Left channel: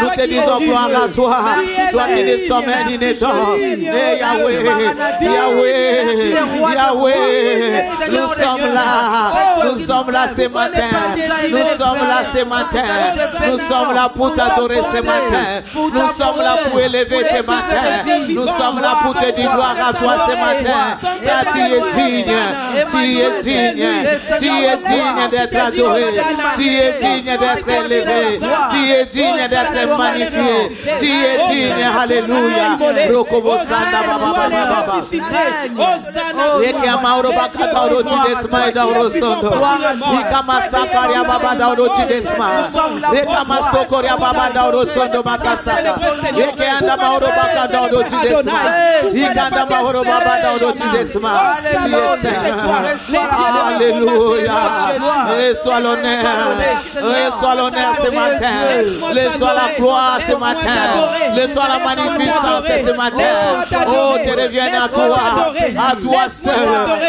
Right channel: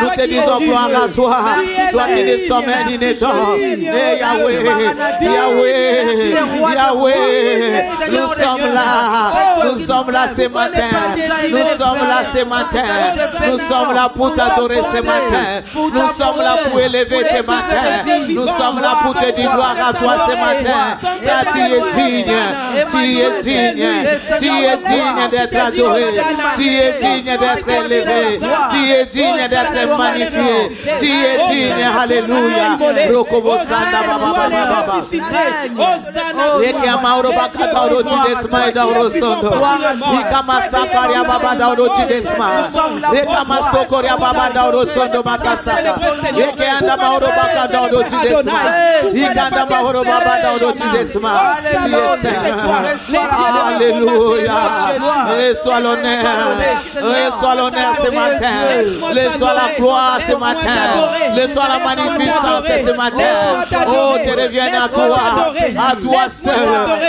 Nous te disons gloire à toi. Toi qui ne sommes d'inédant. Yahweh, Yahweh, Yahweh. Nous sommes là. Nous sommes là ce matin. Nous sommes là ce matin. Nous sommes là pour t'adorer ce matin. Nous sommes là pour élever ce matin. Nous sommes là pour te dire gloire à toi ce matin. Car tu es digne. Tu es digne. Tu es digne d'être adoré. Tu es digne d'être élevé. Tu es digne d'être magnifié. Tu es digne. Alléluia. Rokobosanda baba baba baba. Eke amauro bakata orochi desma dauro sondo. Ika masakaria baba dauro desma. Eka masokoria baba dauro sondo makasa. Eke anda mauro bakata dauro desma. Ika anda mauro baba dauro desma. Alléluia. Et soit l'honneur. Et soit l'honneur ce matin. Et soit la gloire ce matin. Et soit la magnificence ce matin. Oh, te reviens à toi seul,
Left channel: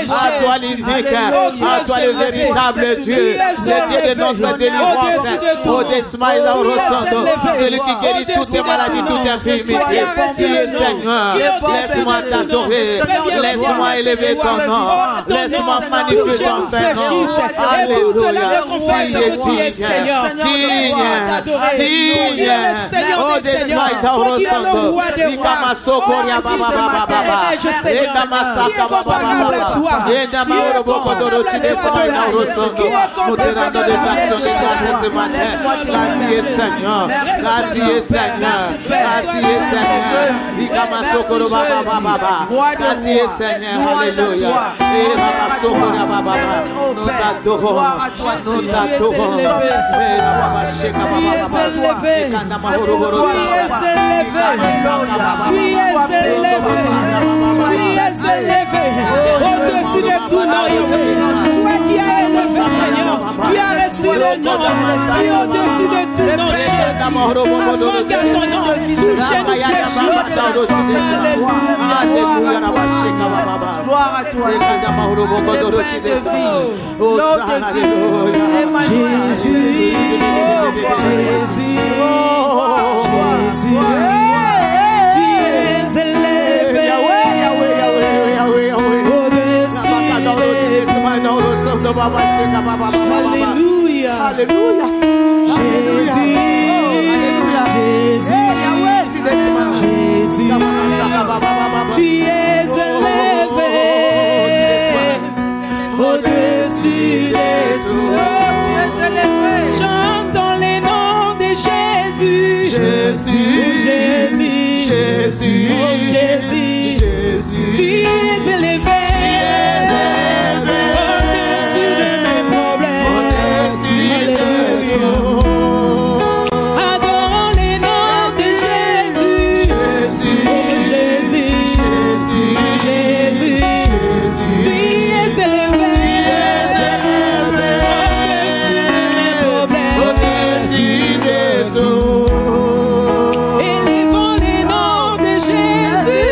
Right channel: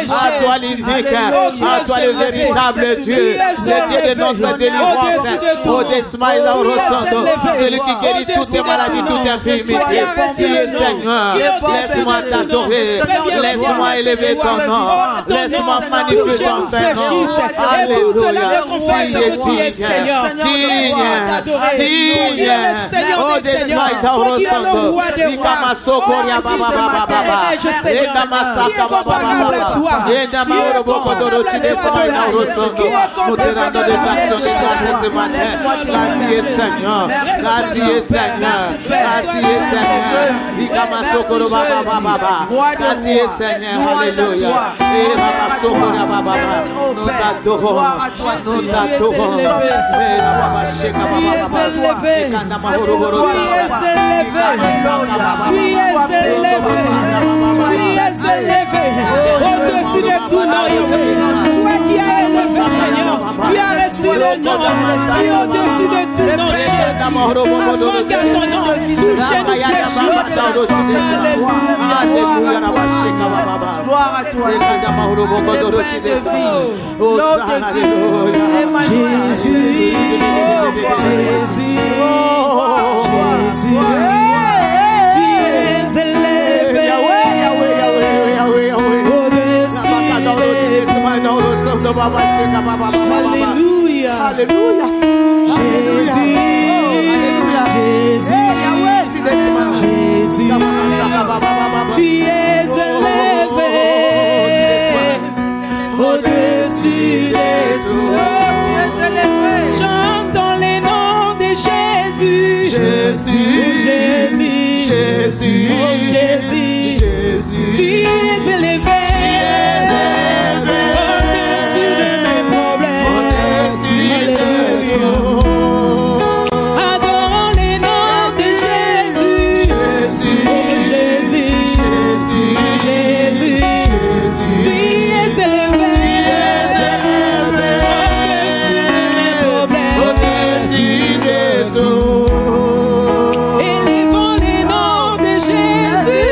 à toi l'unique, à toi le véritable Dieu, le Dieu de notre délivrance. Oh, Desmaï Laurosando, celui qui guérit toutes les maladies, toutes les infirmités. Seigneur, laisse-moi t'adorer, laisse-moi élever ton nom, laisse-moi magnifier ton Seigneur. Alléluia. Digne. Oh, Desmaï Laurosando, Ikama Sokoria Baba Baba Baba. Enda masaka baba baba. Enda mauro boko doro chide sama ina rosondo. Moderando de saction de grâce ce matin. Gracieux Seigneur. Gracieux Seigneur. Gracieux Seigneur. Ikama sokoro baba baba. Gracieux Seigneur. Alléluia. Et baba sokoro baba baba. Nous t'adorons. Nous t'adorons. Et baba sheka baba baba. Ikanda mahoro boro. Tu es élevé. Au-dessus de tout nom, toi qui as élevé, Seigneur, tu as reçu le nom, et au-dessus de tout nom, Jésus, afin que ton nom touche nous fléchisse. Alléluia. Gloire à toi. Jésus, Jésus, Jésus, tu es élevé. Alléluia. Alléluia. Jésus, Jésus, Jésus, tu es élevé au-dessus de tout. J'entends les noms de Jésus. Jésus, Jésus, Jésus, Jésus, Jésus, tu es élevé. Élevons les noms de Jésus.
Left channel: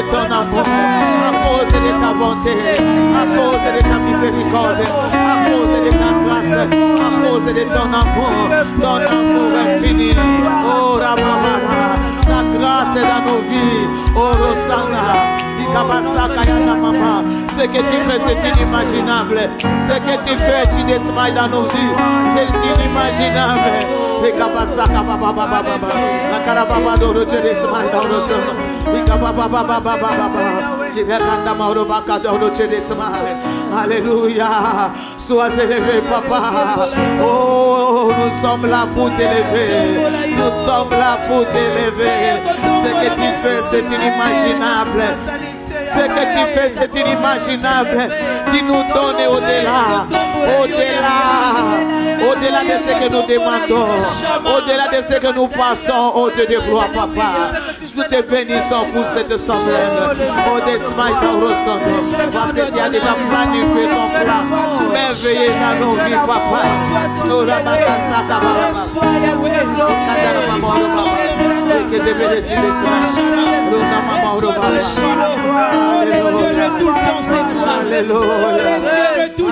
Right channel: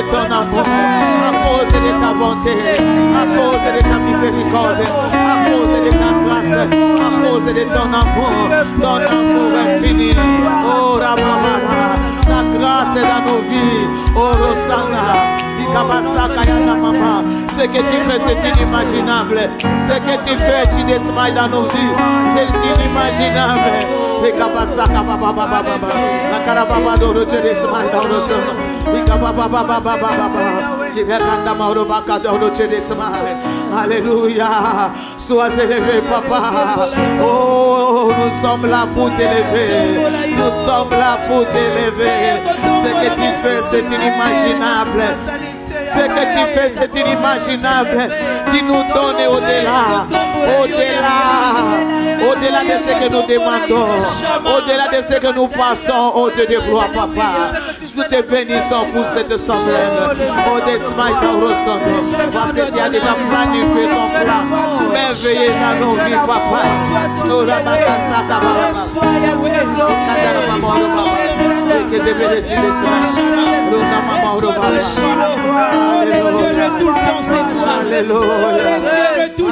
de ton amour, à cause de ta bonté, à cause de ta miséricorde, à cause de ta grâce, à cause de ton amour infini. Oh, Ramama, ta grâce dans nos vies, oh, Rosanga, Ikabasaka, Yamama. Ce que tu fais, c'est inimaginable. Ce que tu fais, tu desmailles dans nos vies. C'est inimaginable. Ikabasaka, Baba, Baba, Baba. Akarababa, Doro, tu desmailles dans nos vies. Ikababa, Baba, Baba, Baba. Ikakanda, Mauro, Baka, Doro, tu desmailles. Alléluia. Sois élevé, Papa. Oh, nous sommes là pour t'élever. Nous sommes là pour t'élever. Ce que tu fais, c'est inimaginable. Ce que tu fais, c'est inimaginable. Tu nous donnes au-delà de ce que nous demandons, au-delà de ce que nous passons, au Dieu de gloire, Papa. Nous te bénissons pour cette semaine. Oh, des smiles dans le parce que tu as déjà planifié ton plan merveilleux dans nos vies, Papa. Nous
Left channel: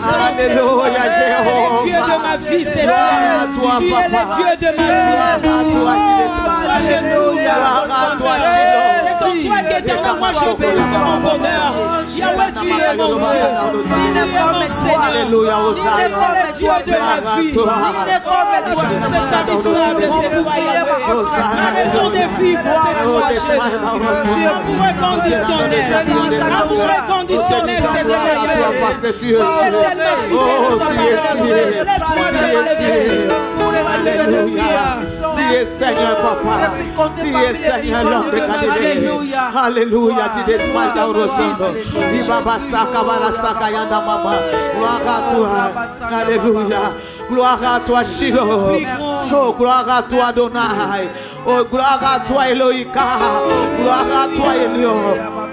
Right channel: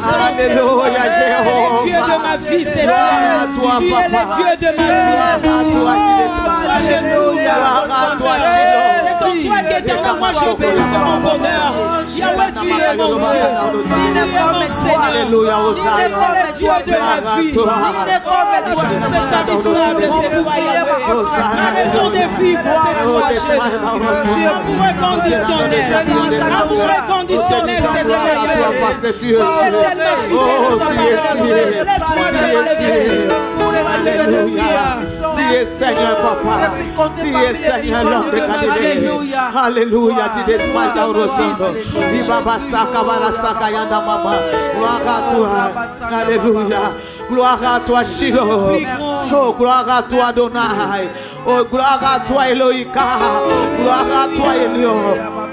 Alléluia, Jéhovah. Dieu de ma vie, c'est toi. Tu es le Dieu de ma vie. Alléluia. C'est en toi qu'éternellement je bénis mon bonheur. Yahweh, tu es mon Dieu. Tu es mon Seigneur. Tu es le Dieu de ma vie. La source établissable, c'est toi, Yahweh. Ma raison de vivre, c'est toi, Jésus. Amour inconditionnel. Amour inconditionnel, c'est toi, Yahweh. Tu es tellement fidèle. Laisse-moi te lever. Alléluia. Tu es Seigneur, Papa. Tu es Seigneur, l'homme de Galilée. Alléluia. Tu descends dans le sang. Gloire à toi. Alléluia. Gloire à toi, Shiloh. Oh, gloire à toi, Adonai. Oh, gloire à toi, Elohika. Gloire à toi, Elion.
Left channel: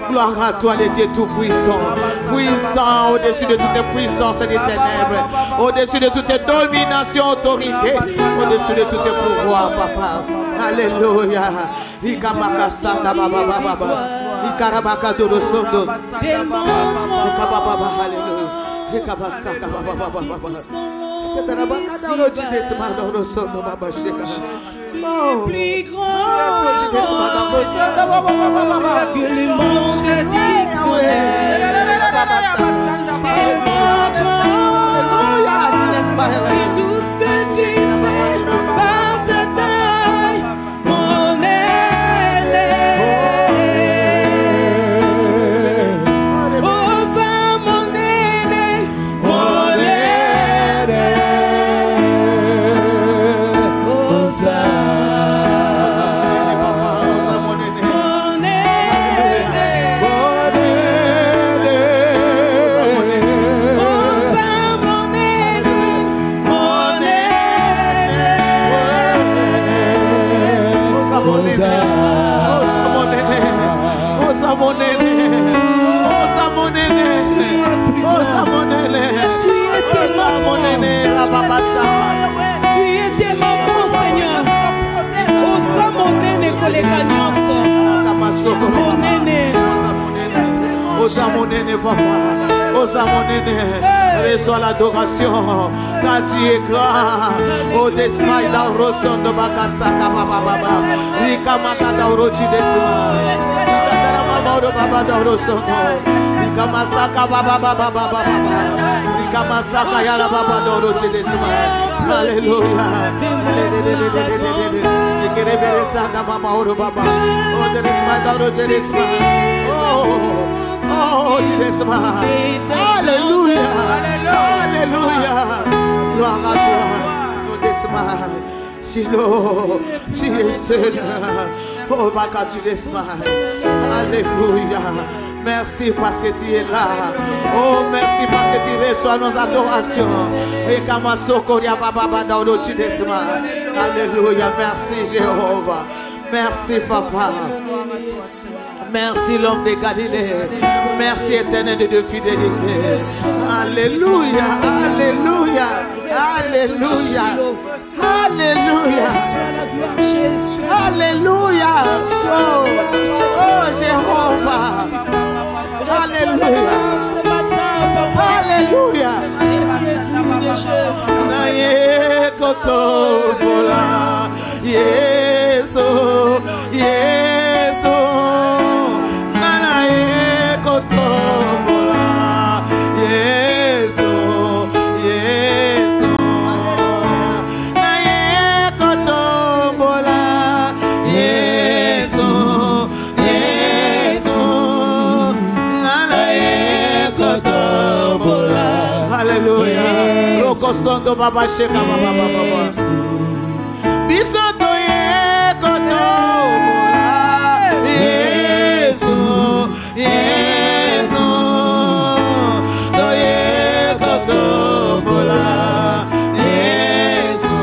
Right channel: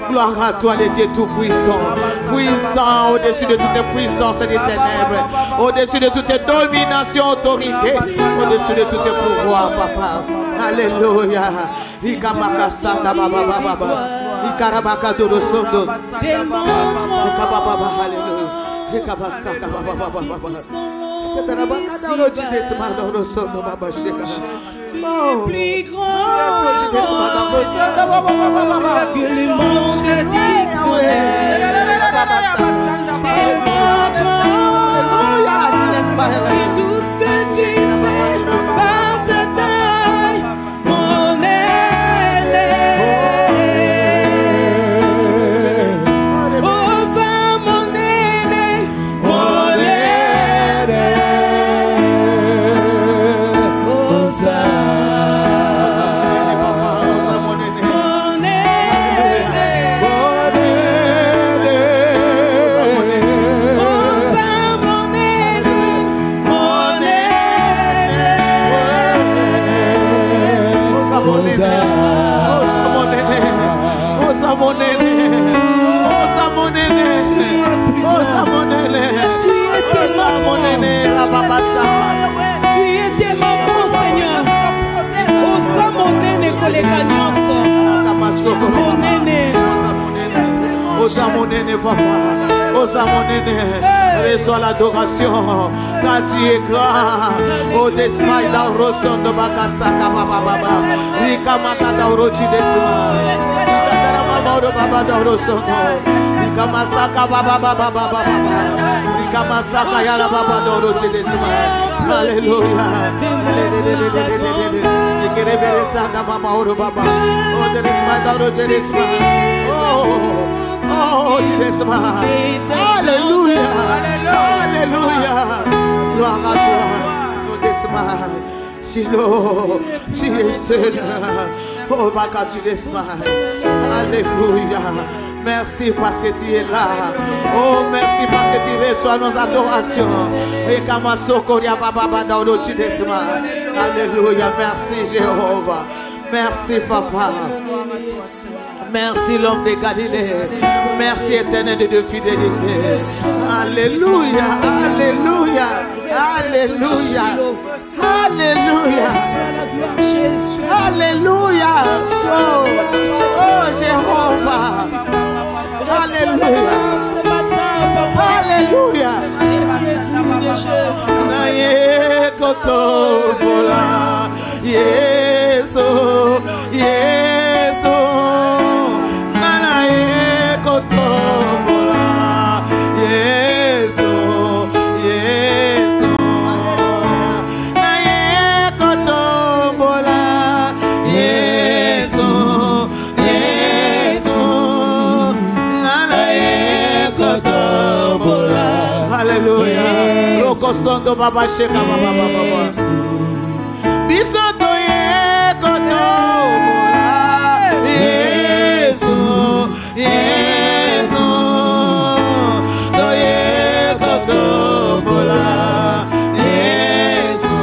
Gloire à toi, le Dieu tout-puissant. Puissant au-dessus de toute puissance des ténèbres. Au-dessus de toute domination, autorité. Au-dessus de tout pouvoir, Papa. Alléluia. Ikamakasanda, Baba, Baba. Ikarabaka, Dodo, Sondo. Alléluia. Ikabasaka, Baba, Baba, Baba. Plus grand que le monde d'Israël. Et tout ce que tu fais par ta taille, mon aile. Osa mon aile, mon aile. Osa. Reçois l'adoration, car tu es grand. Oh, desmaille dans le rosson de Bakasaka, Baba, Baba. Rikamaka dans le rochi desmaille. Baba dans le rosson. Rikamasaka, Baba, Baba, Baba. Rikamasaka, Yala, Baba dans le rochi desmaille. Alléluia. Ikereberesaka, Mama, Oro, Baba. Oh, desmaille dans le rochi desmaille. Oh, Jesus, Alléluia, Alléluia, gloire à toi, nous desmaille, Shiloh, tu es seul, oh, Baka, tu desmaille, Alléluia, merci parce que tu es là, oh, merci parce que tu reçois nos adorations, et Kamasoko, Yababa, Daodo, tu desmaille, Alléluia, merci Jéhovah, merci Papa. Merci l'homme de Galilée. Merci éternel de fidélité. Alléluia. Alléluia. Alléluia. Alléluia. Alléluia. Oh Jéhovah. kotobola. Yesu, Yesu, nana ye kotobola. Yesu, Yesu, nana ye kotobola. Yesu, Yesu, nana ye kotobola. Hallelujah. Roko sondo baba sheka baba baba. Bisoto ye kotobola. Yesu, Yesu, ye kotobola. Yesu,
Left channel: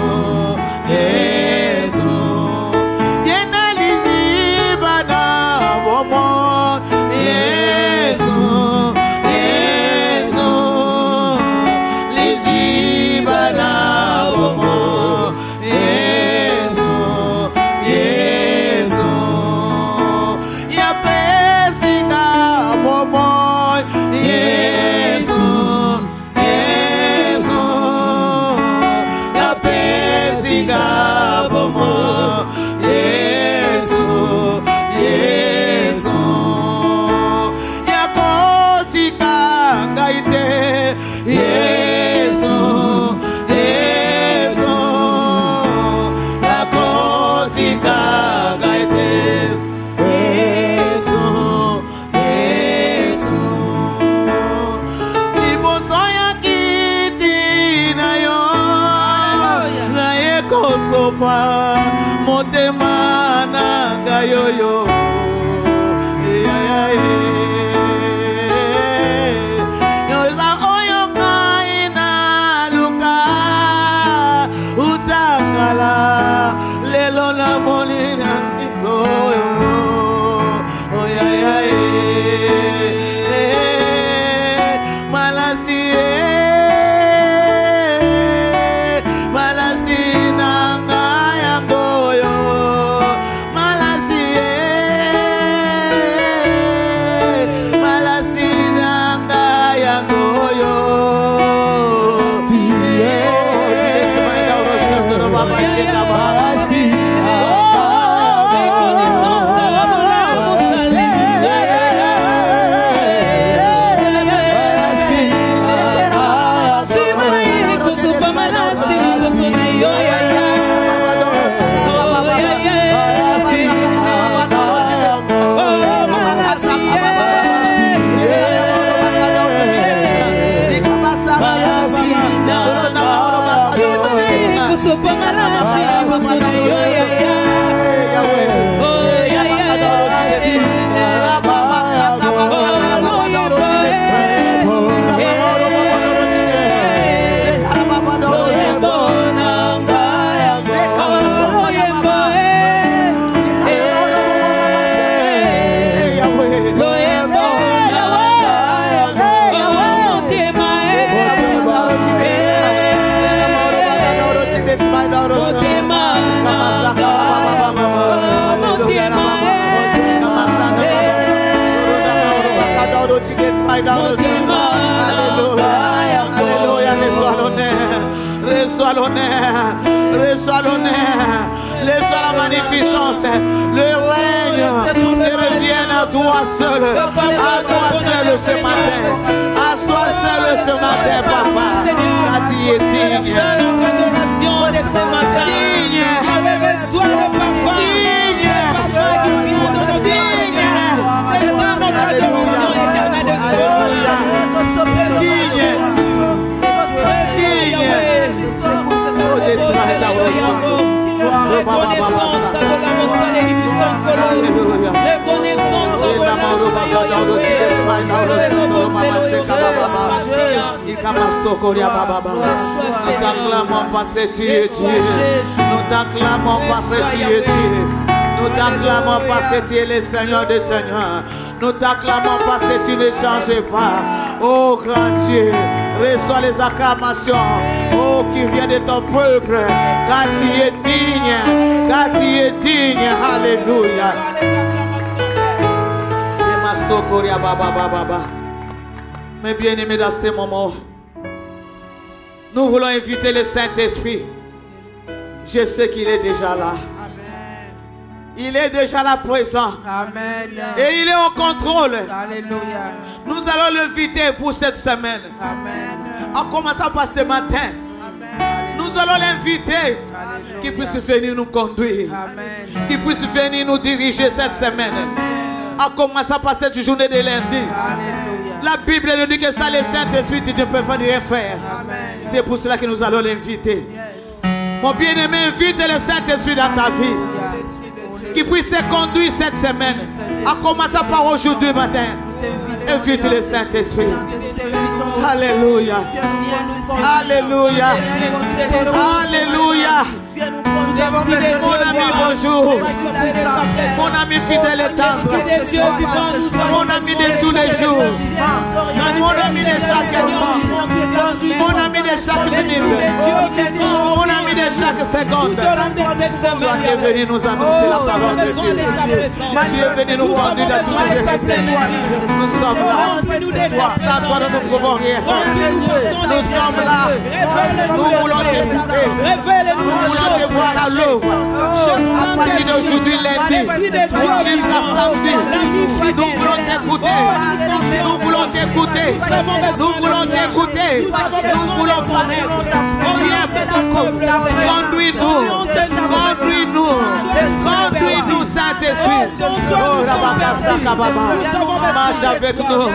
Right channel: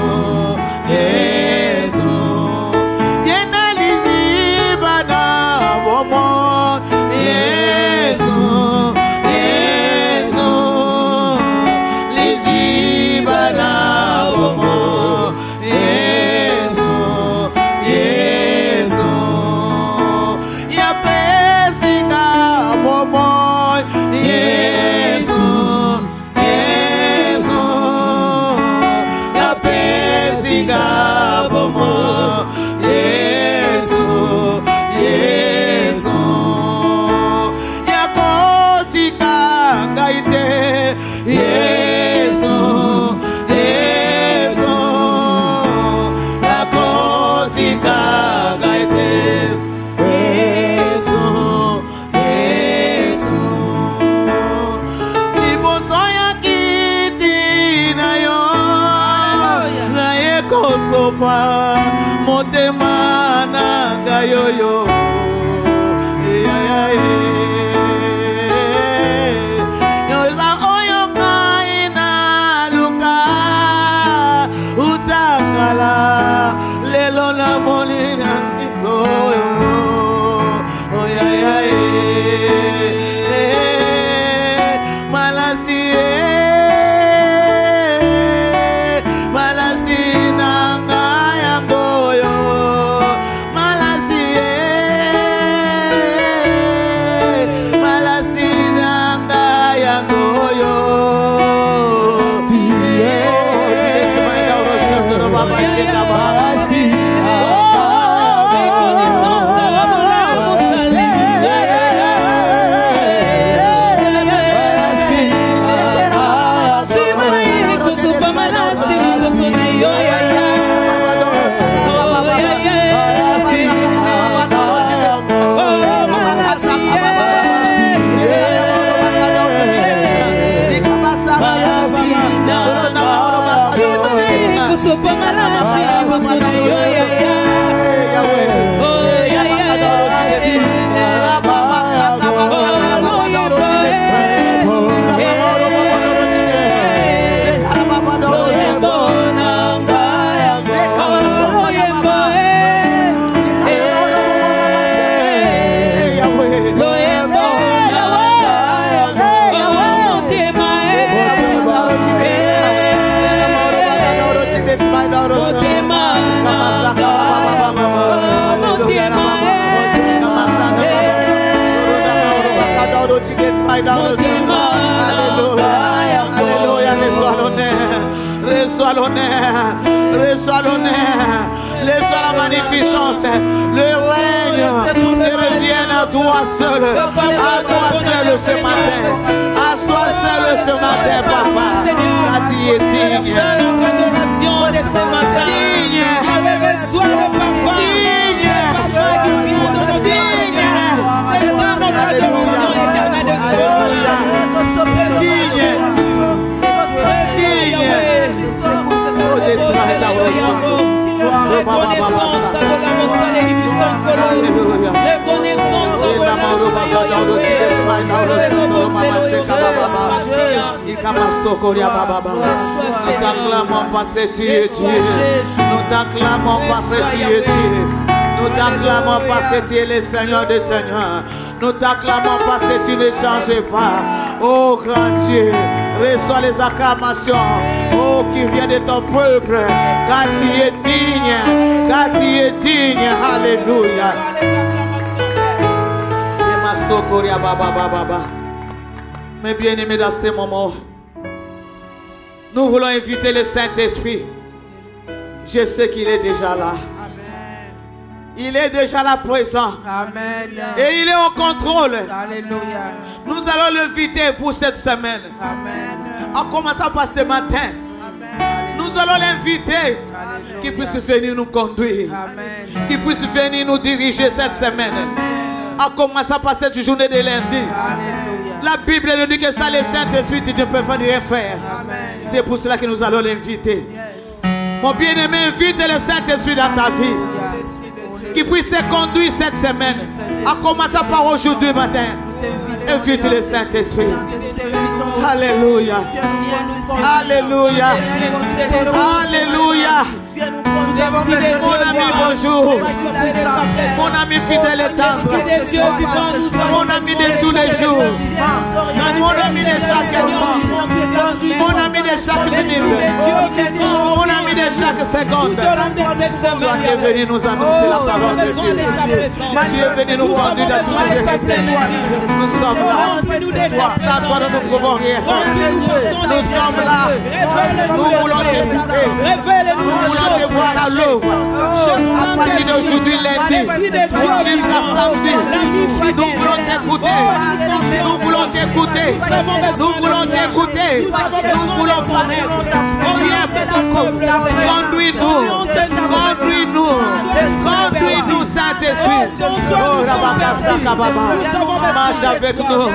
Yesu, yena lizibana bomo. Yesu, Yesu, lizibana bomo. Yesu, Yesu, ya pesina bomo. Yesu, Yesu, ya pesina bomo. Yesu, Yesu, ya kotika ngaite. Yesu, Yesu, ya kotika ngaite. Yesu, Yesu, liboso ya kiti na yo, na ye kosopa motema na gayoyo. Yoza oyo mai na luka utangala lelo na moni na kizoyo. Le règne revient à toi seul ce matin, à toi seul ce matin, papa. Tu es digne, nous t'acclamons parce que tu es Dieu. Nous t'acclamons parce que tu es Dieu. Nous t'acclamons parce que tu es le Seigneur des Seigneurs. Nous t'acclamons parce que tu ne changes pas. Oh grand Dieu, reçois les acclamations. Oh qui vient de ton peuple. Car tu es digne. Car tu es digne. Alléluia. Mes bien-aimés, dans ces moments, nous voulons inviter le Saint-Esprit Je sais qu'il est déjà là. Il est déjà là présent. Amen. Et il est au contrôle. Alléluia. Nous allons l'inviter pour cette semaine. Amen. En commençant par ce matin. Nous allons l'inviter. Qu'il puisse venir nous conduire. Amen. Qu'il puisse venir nous diriger cette semaine. En commençant par cette journée de lundi. Alléluia. La Bible nous dit que ça, le Saint-Esprit ne peut pas rien faire. C'est pour cela que nous allons l'inviter. Mon bien-aimé, invite le Saint-Esprit dans ta vie. Qui puisse te conduire cette semaine. En commençant par aujourd'hui matin. Invite le Saint-Esprit. Alléluia. Alléluia. Alléluia. Mon ami, bonjour. Mon ami fidèle et tendre. Mon ami de tous les jours. Mon ami de chaque jour. Mon ami de chaque minute. Mon ami de chaque seconde. Tu es venu nous annoncer la parole de Dieu. Tu es venu nous conduire dans toutes les vérités. Nous sommes là. Sans toi, nous ne pouvons rien faire. Nous sommes là. Nous voulons t'écouter. Nous voulons te voir à l'eau. À partir d'aujourd'hui, lundi, jusqu'à samedi, nous voulons t'écouter. Nous voulons t'écouter. Nous voulons t'écouter. Nous voulons connaître. Conduis-nous. Conduis-nous. Conduis-nous, Saint-Esprit. Oh, Rabaka, marche avec nous.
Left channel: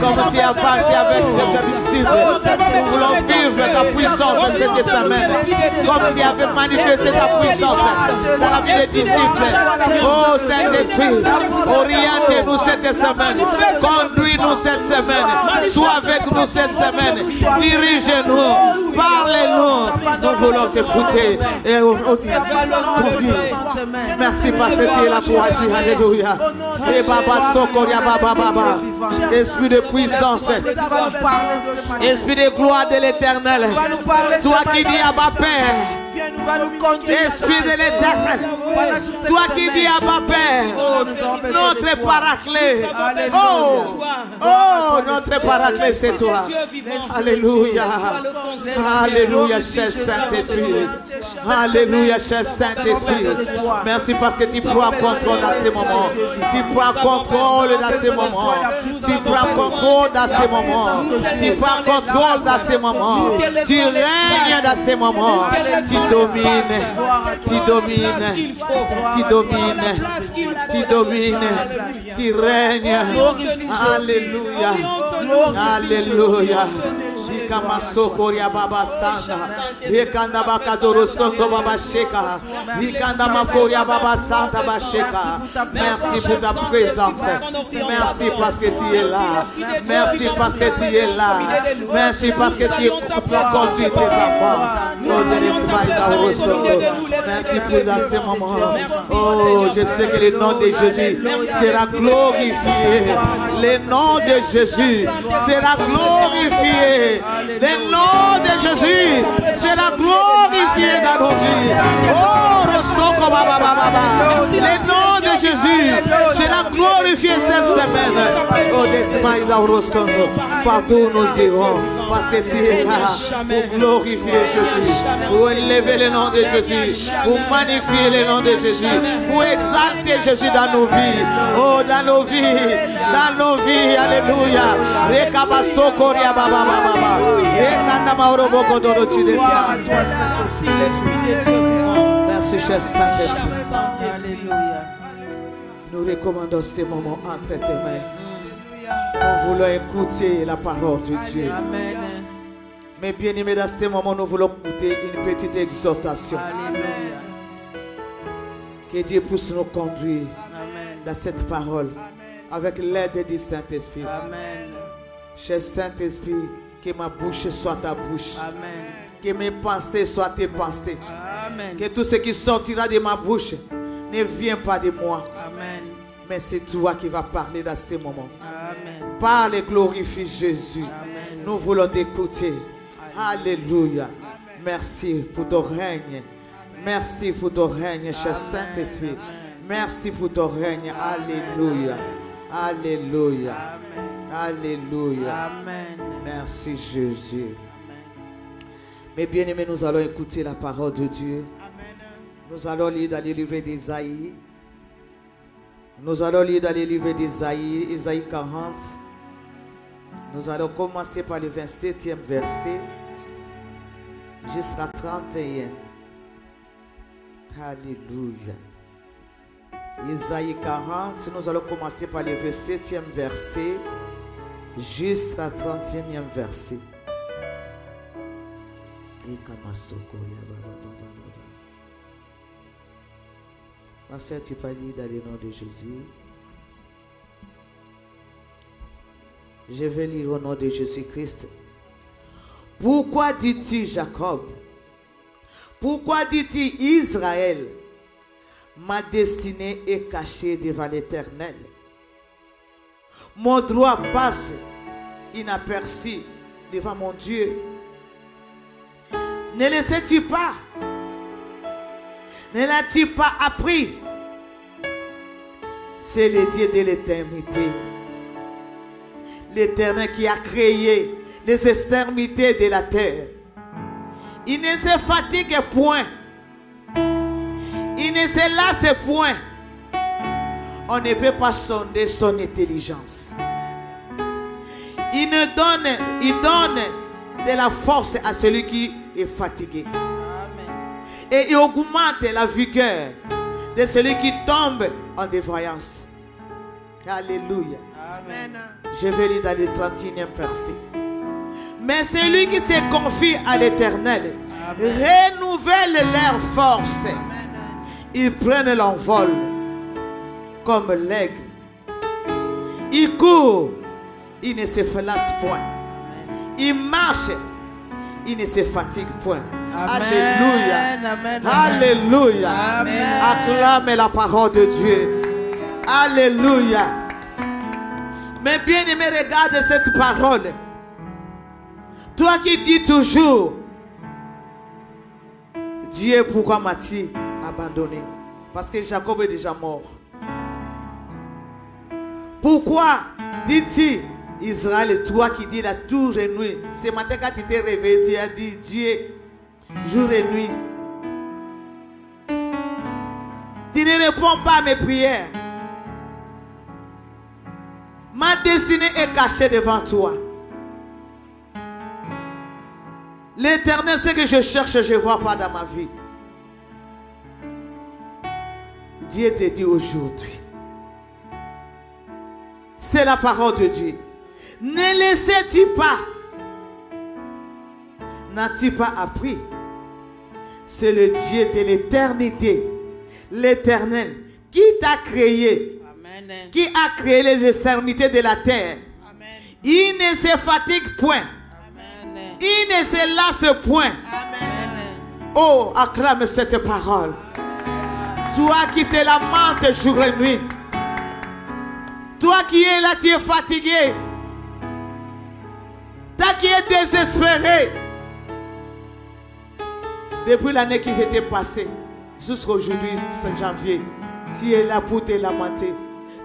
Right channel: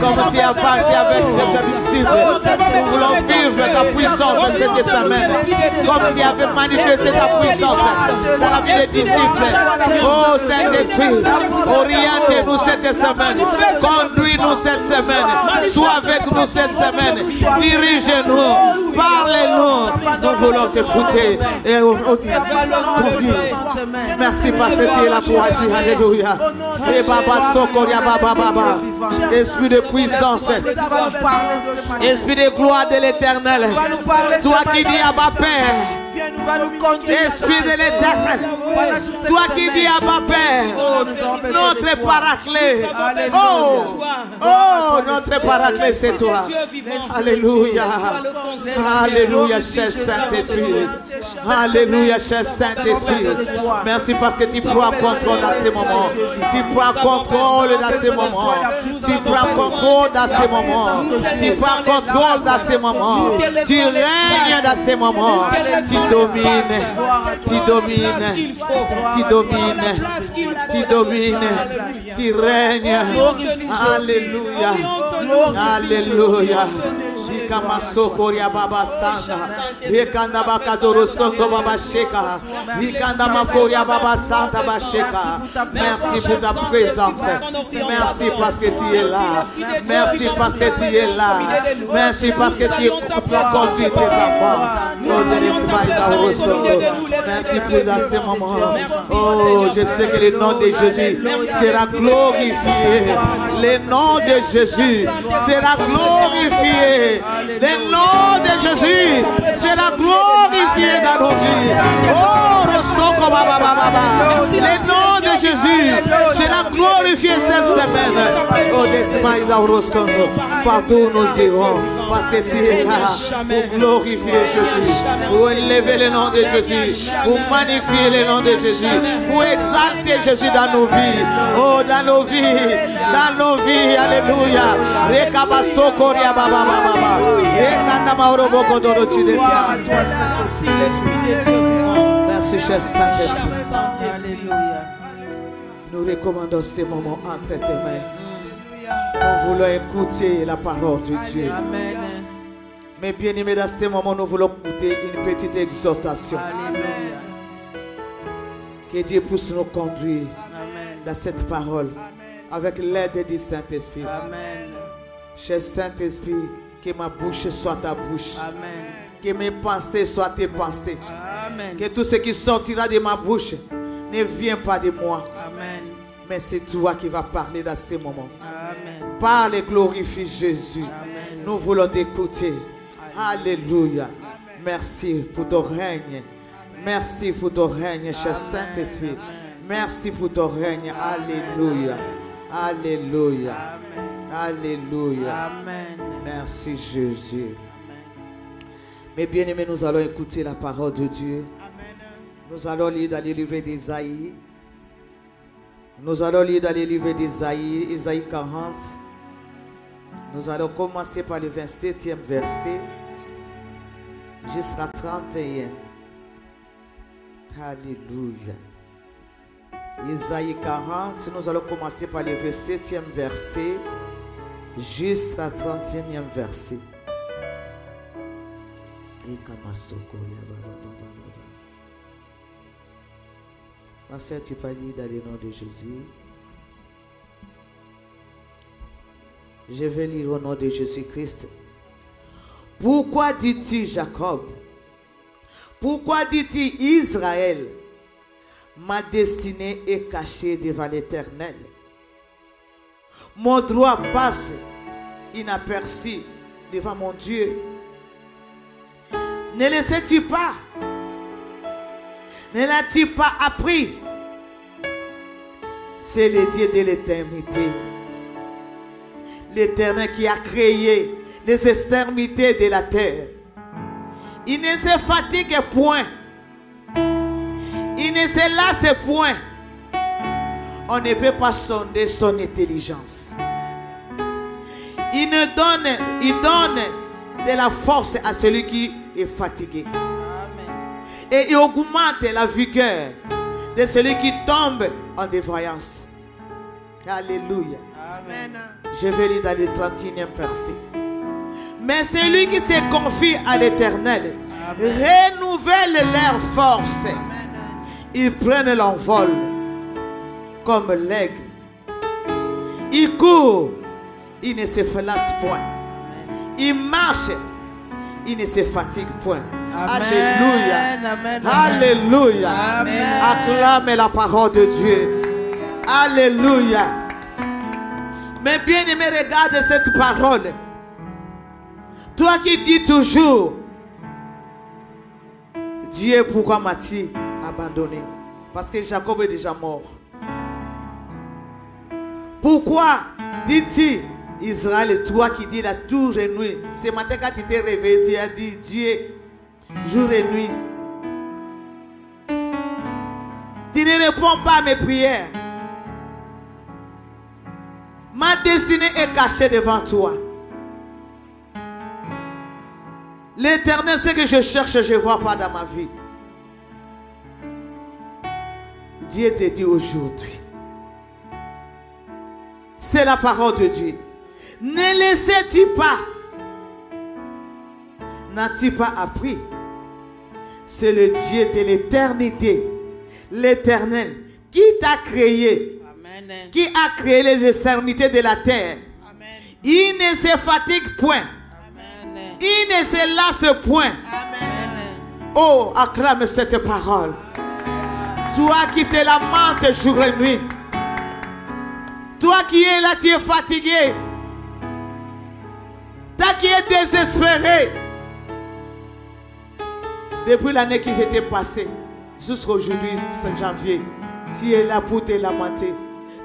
Comme tu as parti avec cette disciple. Nous voulons vivre ta puissance cette semaine. Comme tu avais manifesté ta puissance dans la vie des disciples. Oh, Saint-Esprit, oriente-nous cette semaine. Conduis-nous cette semaine. Sois avec nous cette semaine. Dirige-nous. Parlez-nous. Nous voulons t'écouter. Et merci parce que tu es là pour agir. Alléluia. Et Baba Sokoria Baba Baba. Esprit de puissance. Esprit de gloire de l'éternel. Toi qui dis à ma Père. Esprit de l'éternel. Toi qui dis à ma Père. Notre paraclet. Oh, notre paraclet, c'est toi. Alléluia. Alléluia, cher Saint-Esprit. Alléluia, cher Saint-Esprit. Merci parce que tu prends contrôle dans ce moment. Tu prends contrôle dans ce moment. Tu prends contrôle dans ce moment. Tu prends contrôle dans ce moment. Tu règnes dans ce moment. Tu domines. Tu domines. Tu domines. Tu domines. Tu règnes. Alléluia. Alléluia. Shikamasokoria Baba Santa. Ekanda Bakadoro Songo Baba Sheka. Ikanda Makoria Baba Santa Basheka. Merci pour ta présence. Merci parce que tu es là. Merci parce que tu es là. Merci parce que tu as conduit tes enfants. Merci pour ce moment. Oh, je sais que le nom de Jésus sera glorifié. Le nom de Jésus sera glorifié. Le nom de Jésus sera glorifié dans nos vies. Oh, le nom de Jésus sera glorifié cette semaine. Oh, partout nous irons. Parce que tu es là pour glorifier Jésus, pour élever le nom de Jésus, pour magnifier le nom de Jésus, pour exalter Jésus dans nos vies. Oh, dans nos vies, dans nos vies. Alléluia. Merci, cher Saint-Esprit. Nous recommandons ces moments entre tes mains. Nous voulons écouter la parole de Dieu. Amen. Mais bien aimés, dans ce moment, nous voulons écouter une petite exhortation. Alléluia. Que Dieu puisse nous conduire Amen. dans cette parole avec l'aide du Saint-Esprit. Amen. Cher Saint-Esprit, que ma bouche soit ta bouche. Amen. Que mes pensées soient tes pensées. Amen. Que tout ce qui sortira de ma bouche ne vient pas de moi. Amen. Mais c'est toi qui vas parler dans ce moment. Amen. Parle et glorifie Jésus. Amen. Nous voulons t'écouter. Alléluia. Merci pour ton règne. Merci pour ton règne, cher Saint-Esprit. Merci pour ton règne. Alléluia. Alléluia. Alléluia. Amen. Merci Jésus. Mais bien aimés, nous allons écouter la parole de Dieu. Amen. Nous allons lire dans le livre d'Isaïe. Nous allons lire dans le livre d'Isaïe, Isaïe 40. Nous allons commencer par le 27e verset jusqu'à 31. Alléluia. Isaïe 40, nous allons commencer par le 27e verset jusqu'à 31e verset. Pasteur, tu peux lire dans le nom de Jésus. Je vais lire au nom de Jésus-Christ. Pourquoi dis-tu Jacob? Pourquoi dis-tu Israël? Ma destinée est cachée devant l'Éternel. Mon droit passe inaperçu devant mon Dieu. Ne le sais-tu pas? Ne l'as-tu pas appris? C'est le Dieu de l'éternité. L'Éternel qui a créé les extrémités de la terre. Il ne se fatigue point. Il ne se lasse point. On ne peut pas sonder son intelligence. Il donne de la force à celui qui est fatigué. Et il augmente la vigueur de celui qui tombe en dévoyance. Alléluia. Amen. Je vais lire dans le 31e verset. Mais celui qui se confie à l'Éternel renouvelle leur force. Ils prennent l'envol comme l'aigle. Ils courent, ils ne se lassent point. Ils marchent, ils ne se fatiguent point. Amen. Alléluia. Amen. Alléluia. Amen. Acclame la parole de Dieu. Alléluia. Mais bien aimé, regarde cette parole. Toi qui dis toujours, Dieu, pourquoi m'as-tu abandonné? Parce que Jacob est déjà mort. Pourquoi dis-tu, Israël, toi qui dis la jour et nuit? Ce matin quand tu t'es réveillé, tu as dit Dieu, jour et nuit. Tu ne réponds pas à mes prières. Ma destinée est cachée devant toi. L'Éternel sait que je cherche, je ne vois pas dans ma vie. Dieu te dit aujourd'hui. C'est la parole de Dieu. Ne laissez-tu pas? N'as-tu pas appris? C'est le Dieu de l'éternité, l'Éternel, qui t'a créé, amen, qui a créé les extrémités de la terre. Amen. Il ne se fatigue point. Amen. Il ne se lasse point. Amen. Oh, acclame cette parole. Toi qui te lamentes jour et nuit. Toi qui es là, tu es fatigué. Toi qui es désespéré. Depuis l'année qui s'était passée, jusqu'à aujourd'hui, 5 janvier, tu es là pour te lamenter.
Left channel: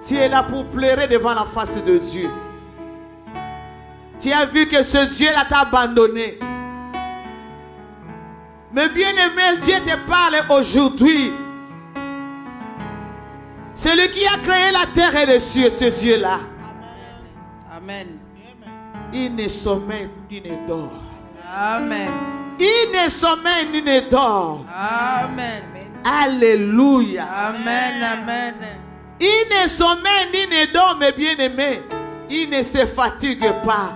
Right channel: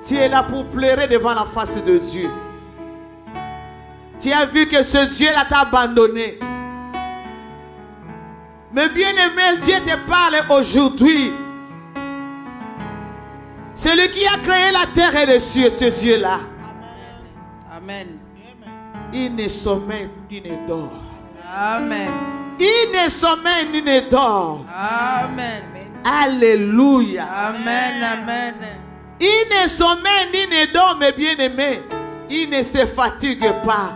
Tu es là pour pleurer devant la face de Dieu. Tu as vu que ce Dieu-là t'a abandonné. Mais bien aimé, Dieu te parle aujourd'hui. Celui qui a créé la terre et les cieux, ce Dieu-là. Amen. Il ne sommeille ni ne dort. Amen. Il ne sommeille ni ne dort. Amen. Alléluia. Amen. Amen. Il ne sommeille ni ne dort, mes bien-aimés. Il ne se fatigue pas.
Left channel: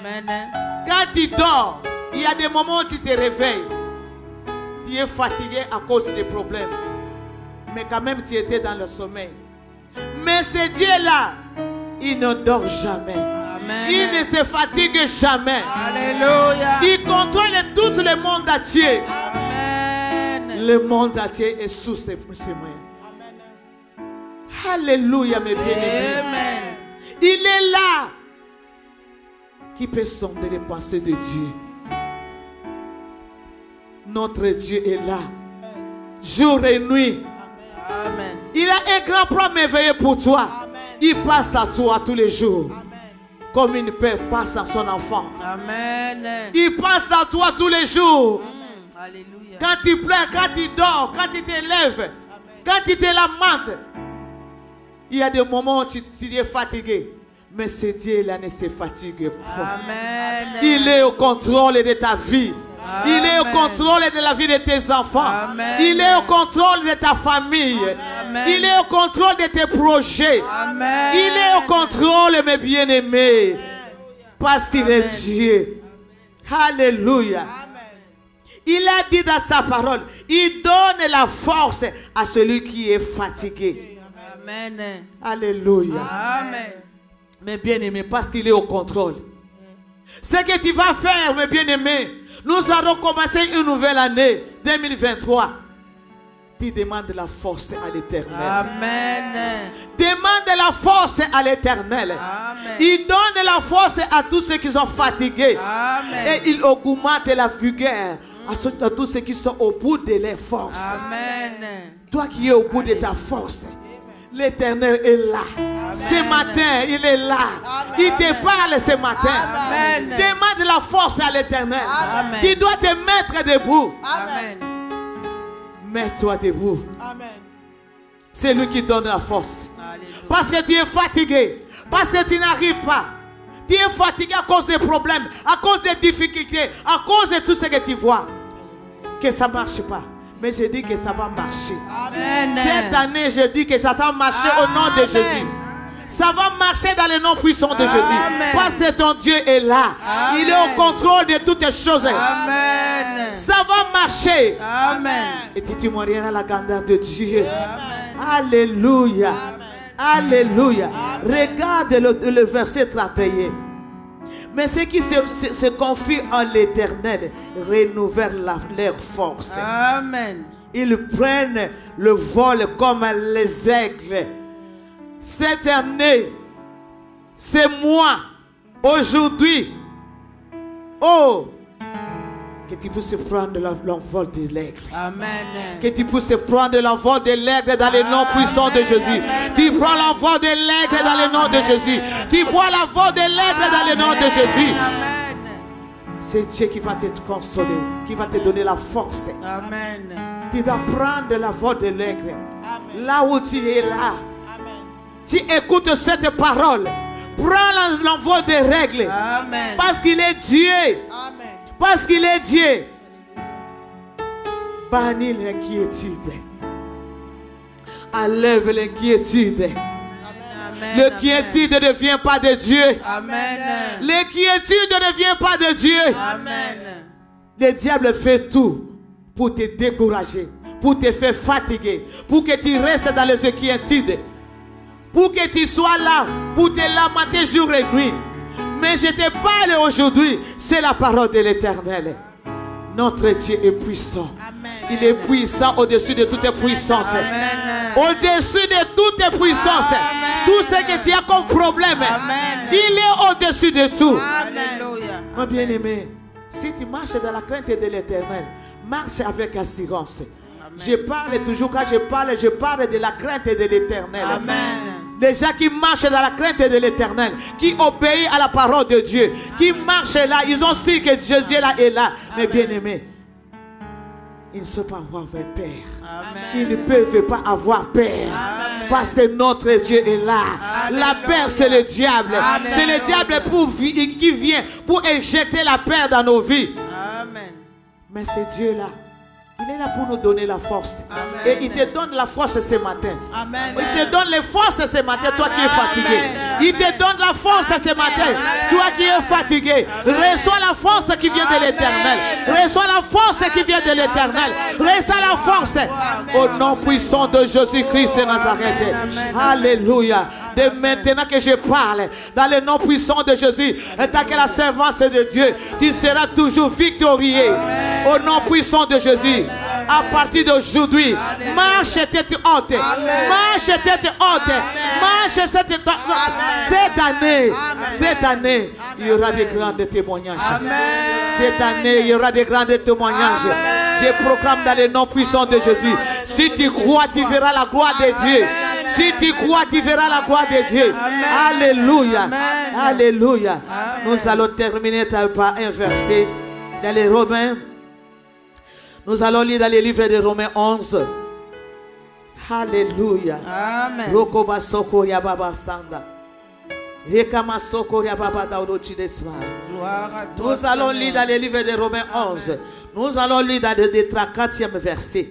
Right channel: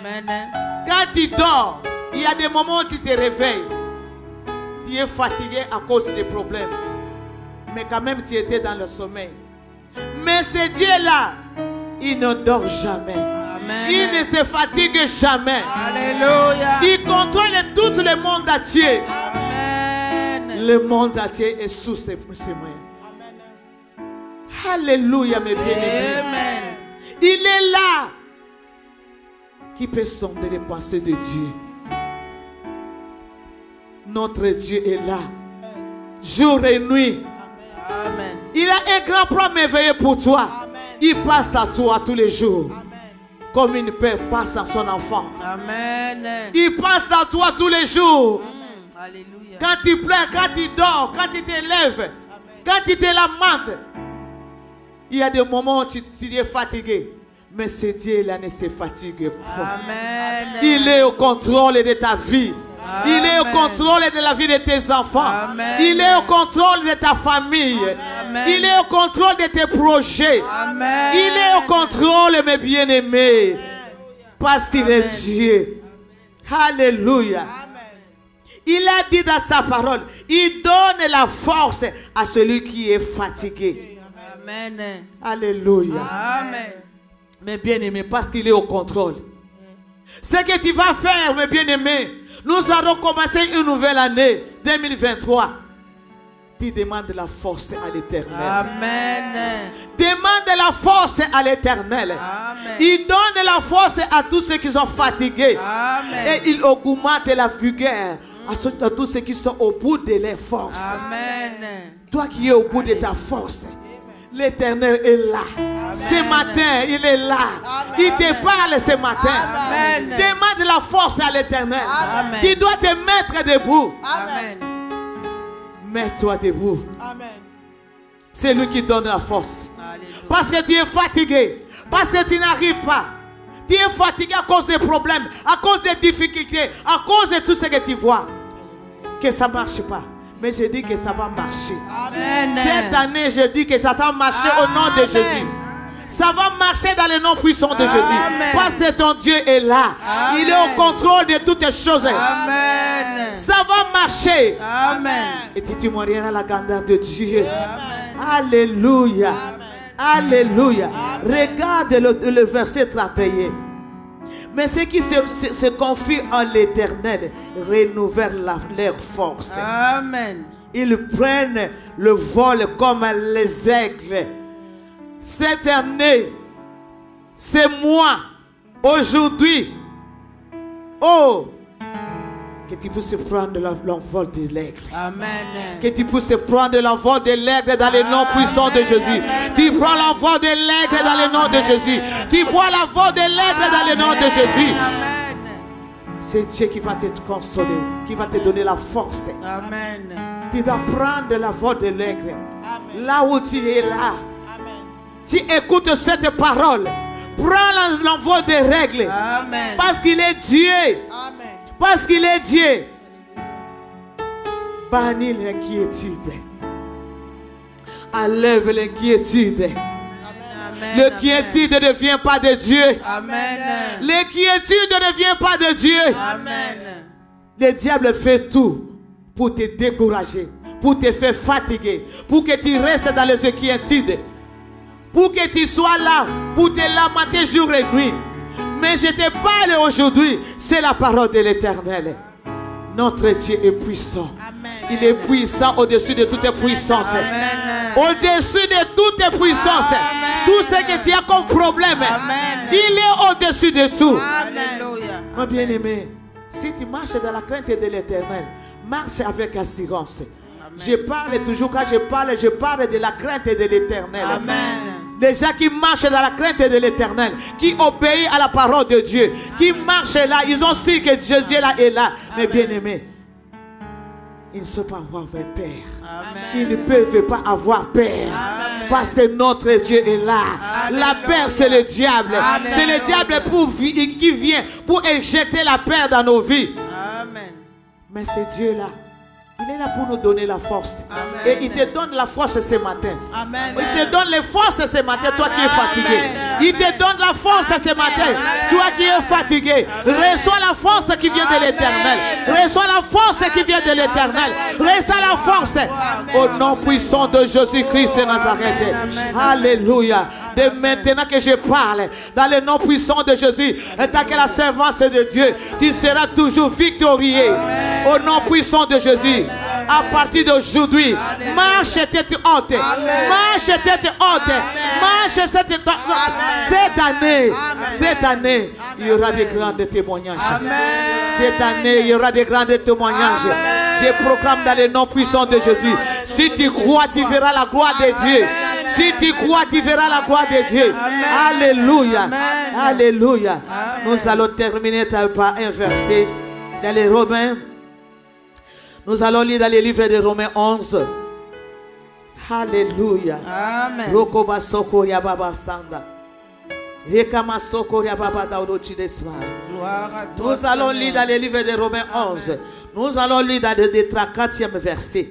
Amen. Quand tu dors, il y a des moments où tu te réveilles. Tu es fatigué à cause des problèmes. Mais quand même, tu étais dans le sommeil. Mais ce Dieu-là, il ne dort jamais. Amen. Il ne se fatigue jamais. Alléluia. Il contrôle tout le monde entier. Amen. Le monde entier est sous ses mains. Alléluia, mes bien-aimés. Il est là qui peut sonder les pensées de Dieu. Notre Dieu est là, jour et nuit. Amen. Il a un grand plan merveilleux pour toi. Amen. Il passe à toi tous les jours. Amen. Comme une père passe à son enfant. Amen. Il passe à toi tous les jours. Amen. Alléluia. Quand tu pleures, quand tu dors, quand tu t'élèves, quand tu te lamentes, il y a des moments où tu es fatigué. Mais ce Dieu-là ne se fatigue pas. Amen. Il est au contrôle de ta vie. Amen. Il est au contrôle de la vie de tes enfants. Amen. Il est au contrôle de ta famille. Amen. Il est au contrôle de tes projets. Amen. Il est au contrôle, mes bien-aimés. Parce qu'il est Dieu. Alléluia. Il a dit dans sa parole, il donne la force à celui qui est fatigué. Amen. Alléluia. Amen. Mes bien-aimés, parce qu'il est au contrôle. Ce que tu vas faire, mes bien-aimés, nous allons commencer une nouvelle année, 2023. Tu demandes la force à l'Éternel. Amen. Demande la force à l'Éternel. Amen. Il donne la force à tous ceux qui sont fatigués. Amen. Et il augmente la vigueur à tous ceux qui sont au bout de leurs forces. Amen. Toi qui es au bout de ta force, l'Éternel est là. Amen. Ce matin, il est là. Il te parle ce matin. Amen. Demande la force à l'Éternel. Amen. Tu dois te mettre debout. Amen. Mets-toi debout. C'est lui qui donne la force. Alléluia. Parce que tu es fatigué. Parce que tu n'arrives pas. Tu es fatigué à cause des problèmes, à cause des difficultés, à cause de tout ce que tu vois. Que ça ne marche pas. Mais je dis que ça va marcher. Amen. Cette année, je dis que ça va marcher au nom de Jésus. Ça va marcher dans le nom puissant de Jésus. Amen. Parce que ton Dieu est là. Amen. Il est au contrôle de toutes les choses. Amen. Ça va marcher. Amen. Et tu témoigneras la grandeur de Dieu. Alléluia. Alléluia. Regarde le verset 31. Mais ceux qui se confient en l'Éternel renouvellent leur force. Amen. Ils prennent le vol comme les aigles. Cette année, c'est moi, aujourd'hui. Oh, que tu puisses prendre l'envol de l'aigle. Amen. Que tu puisses prendre l'envol de l'aigle dans le nom puissant de Jésus. Tu prends l'envol de l'aigle dans le nom de Jésus. Tu prends l'envol de l'aigle dans le nom de Jésus. Amen. C'est Dieu qui va te consoler, qui va te donner la force. Amen. Tu vas prendre l'envol de l'aigle. Là où tu es là. Tu écoutes cette parole. Prends l'envol des règles. Amen. Parce qu'il est Dieu. Parce qu'il est Dieu. Bannis l'inquiétude. Enlève l'inquiétude. Amen. L'inquiétude ne vient pas de Dieu. Amen. L'inquiétude ne vient pas de Dieu. Amen. Le diable fait tout pour te décourager, pour te faire fatiguer, pour que tu restes dans les inquiétudes, pour que tu sois là, pour te lamenter jour et nuit. Mais je te parle aujourd'hui, c'est la parole de l'Éternel. Notre Dieu est puissant. Il est puissant au-dessus de toutes puissances. Au-dessus de toutes puissances. Tout ce que tu as comme problème, il est au-dessus de tout. Alléluia. Mon bien-aimé, si tu marches dans la crainte de l'Éternel, marche avec assurance. Je parle toujours, quand je parle de la crainte de l'Éternel. Amen. Les gens qui marchent dans la crainte de l'Éternel, qui obéissent à la parole de Dieu, qui marchent là, ils ont su que Dieu là est là. Mais bien aimés, ils ne sont pas avoir peur. Amen. Ils ne peuvent pas avoir peur. Amen. Parce que notre Dieu est là. Amen. La peur, c'est le diable. Amen. C'est le diable qui vient pour injecter la peur dans nos vies. Amen. Mais c'est Dieu là. Il est là pour nous donner la force. Amen. Et il te donne la force ce matin. Amen. Il te donne les forces ce matin, toi qui es fatigué. Amen. Il te donne la force ce matin, toi qui es fatigué. Reçois la force qui vient de l'Éternel. Reçois la force qui vient de l'Éternel. Reçois la force au nom puissant de Jésus-Christ de Nazareth. Alléluia. De maintenant que je parle, dans le nom puissant de Jésus, et tant que la servance de Dieu, tu seras toujours victorieux. Au nom puissant de Jésus. À partir d'aujourd'hui, marche tête haute. Marche tête haute. Marche cette année, il y aura des grands témoignages. Cette année, il y aura des grands témoignages. Je proclame dans le nom puissant de Jésus. Si tu crois, tu verras la gloire de Dieu. Si tu crois, tu verras la gloire de Dieu. Alléluia. Alléluia. Nous allons terminer par un verset dans les Romains. Nous allons lire dans les livres de Romains 11. Alléluia. Amen. Rokoba sokoria baba sanda. Rekama sokoria baba daudo chidesma. Gloire à toi, Nous allons lire dans les livres de Romains 11. Nous allons lire dans le 34e verset.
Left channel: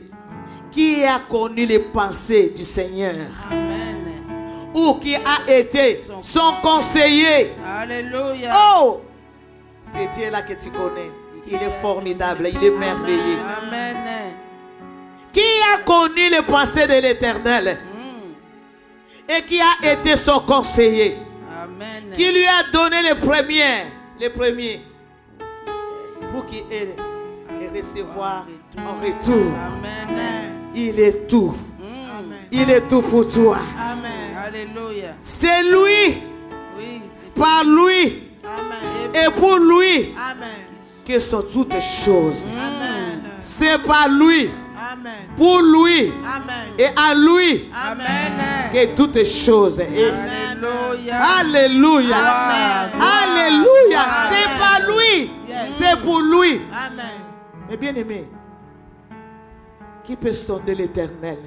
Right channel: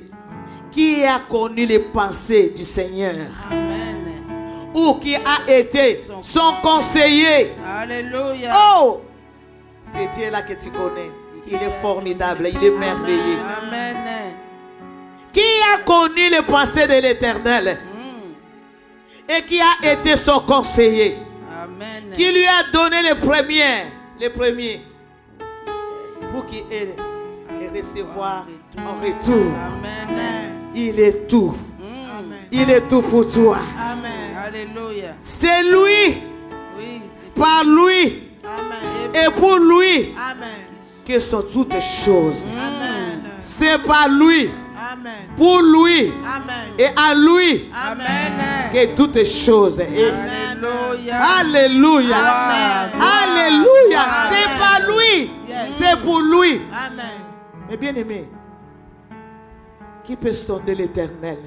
Qui a connu les pensées du Seigneur? Amen. Ou qui a été son conseiller? Alléluia. Oh! C'est Dieu là que tu connais. Il est formidable, il est merveilleux. Amen. Qui a connu les pensées de l'Éternel et qui a été son conseiller? Amen. Qui lui a donné les premiers pour qu'il ait et recevoir en retour. Amen. Il est tout. Il est tout pour toi. Amen. Alléluia. C'est lui, Oui, par lui et pour lui que sont toutes choses. C'est par lui, pour lui et à lui Amen. que toutes choses. Alléluia. Alléluia. Amen. Alléluia. Amen. C'est par lui. C'est pour lui. Amen. Mais bien aimé, qui peut sonder l'Éternel?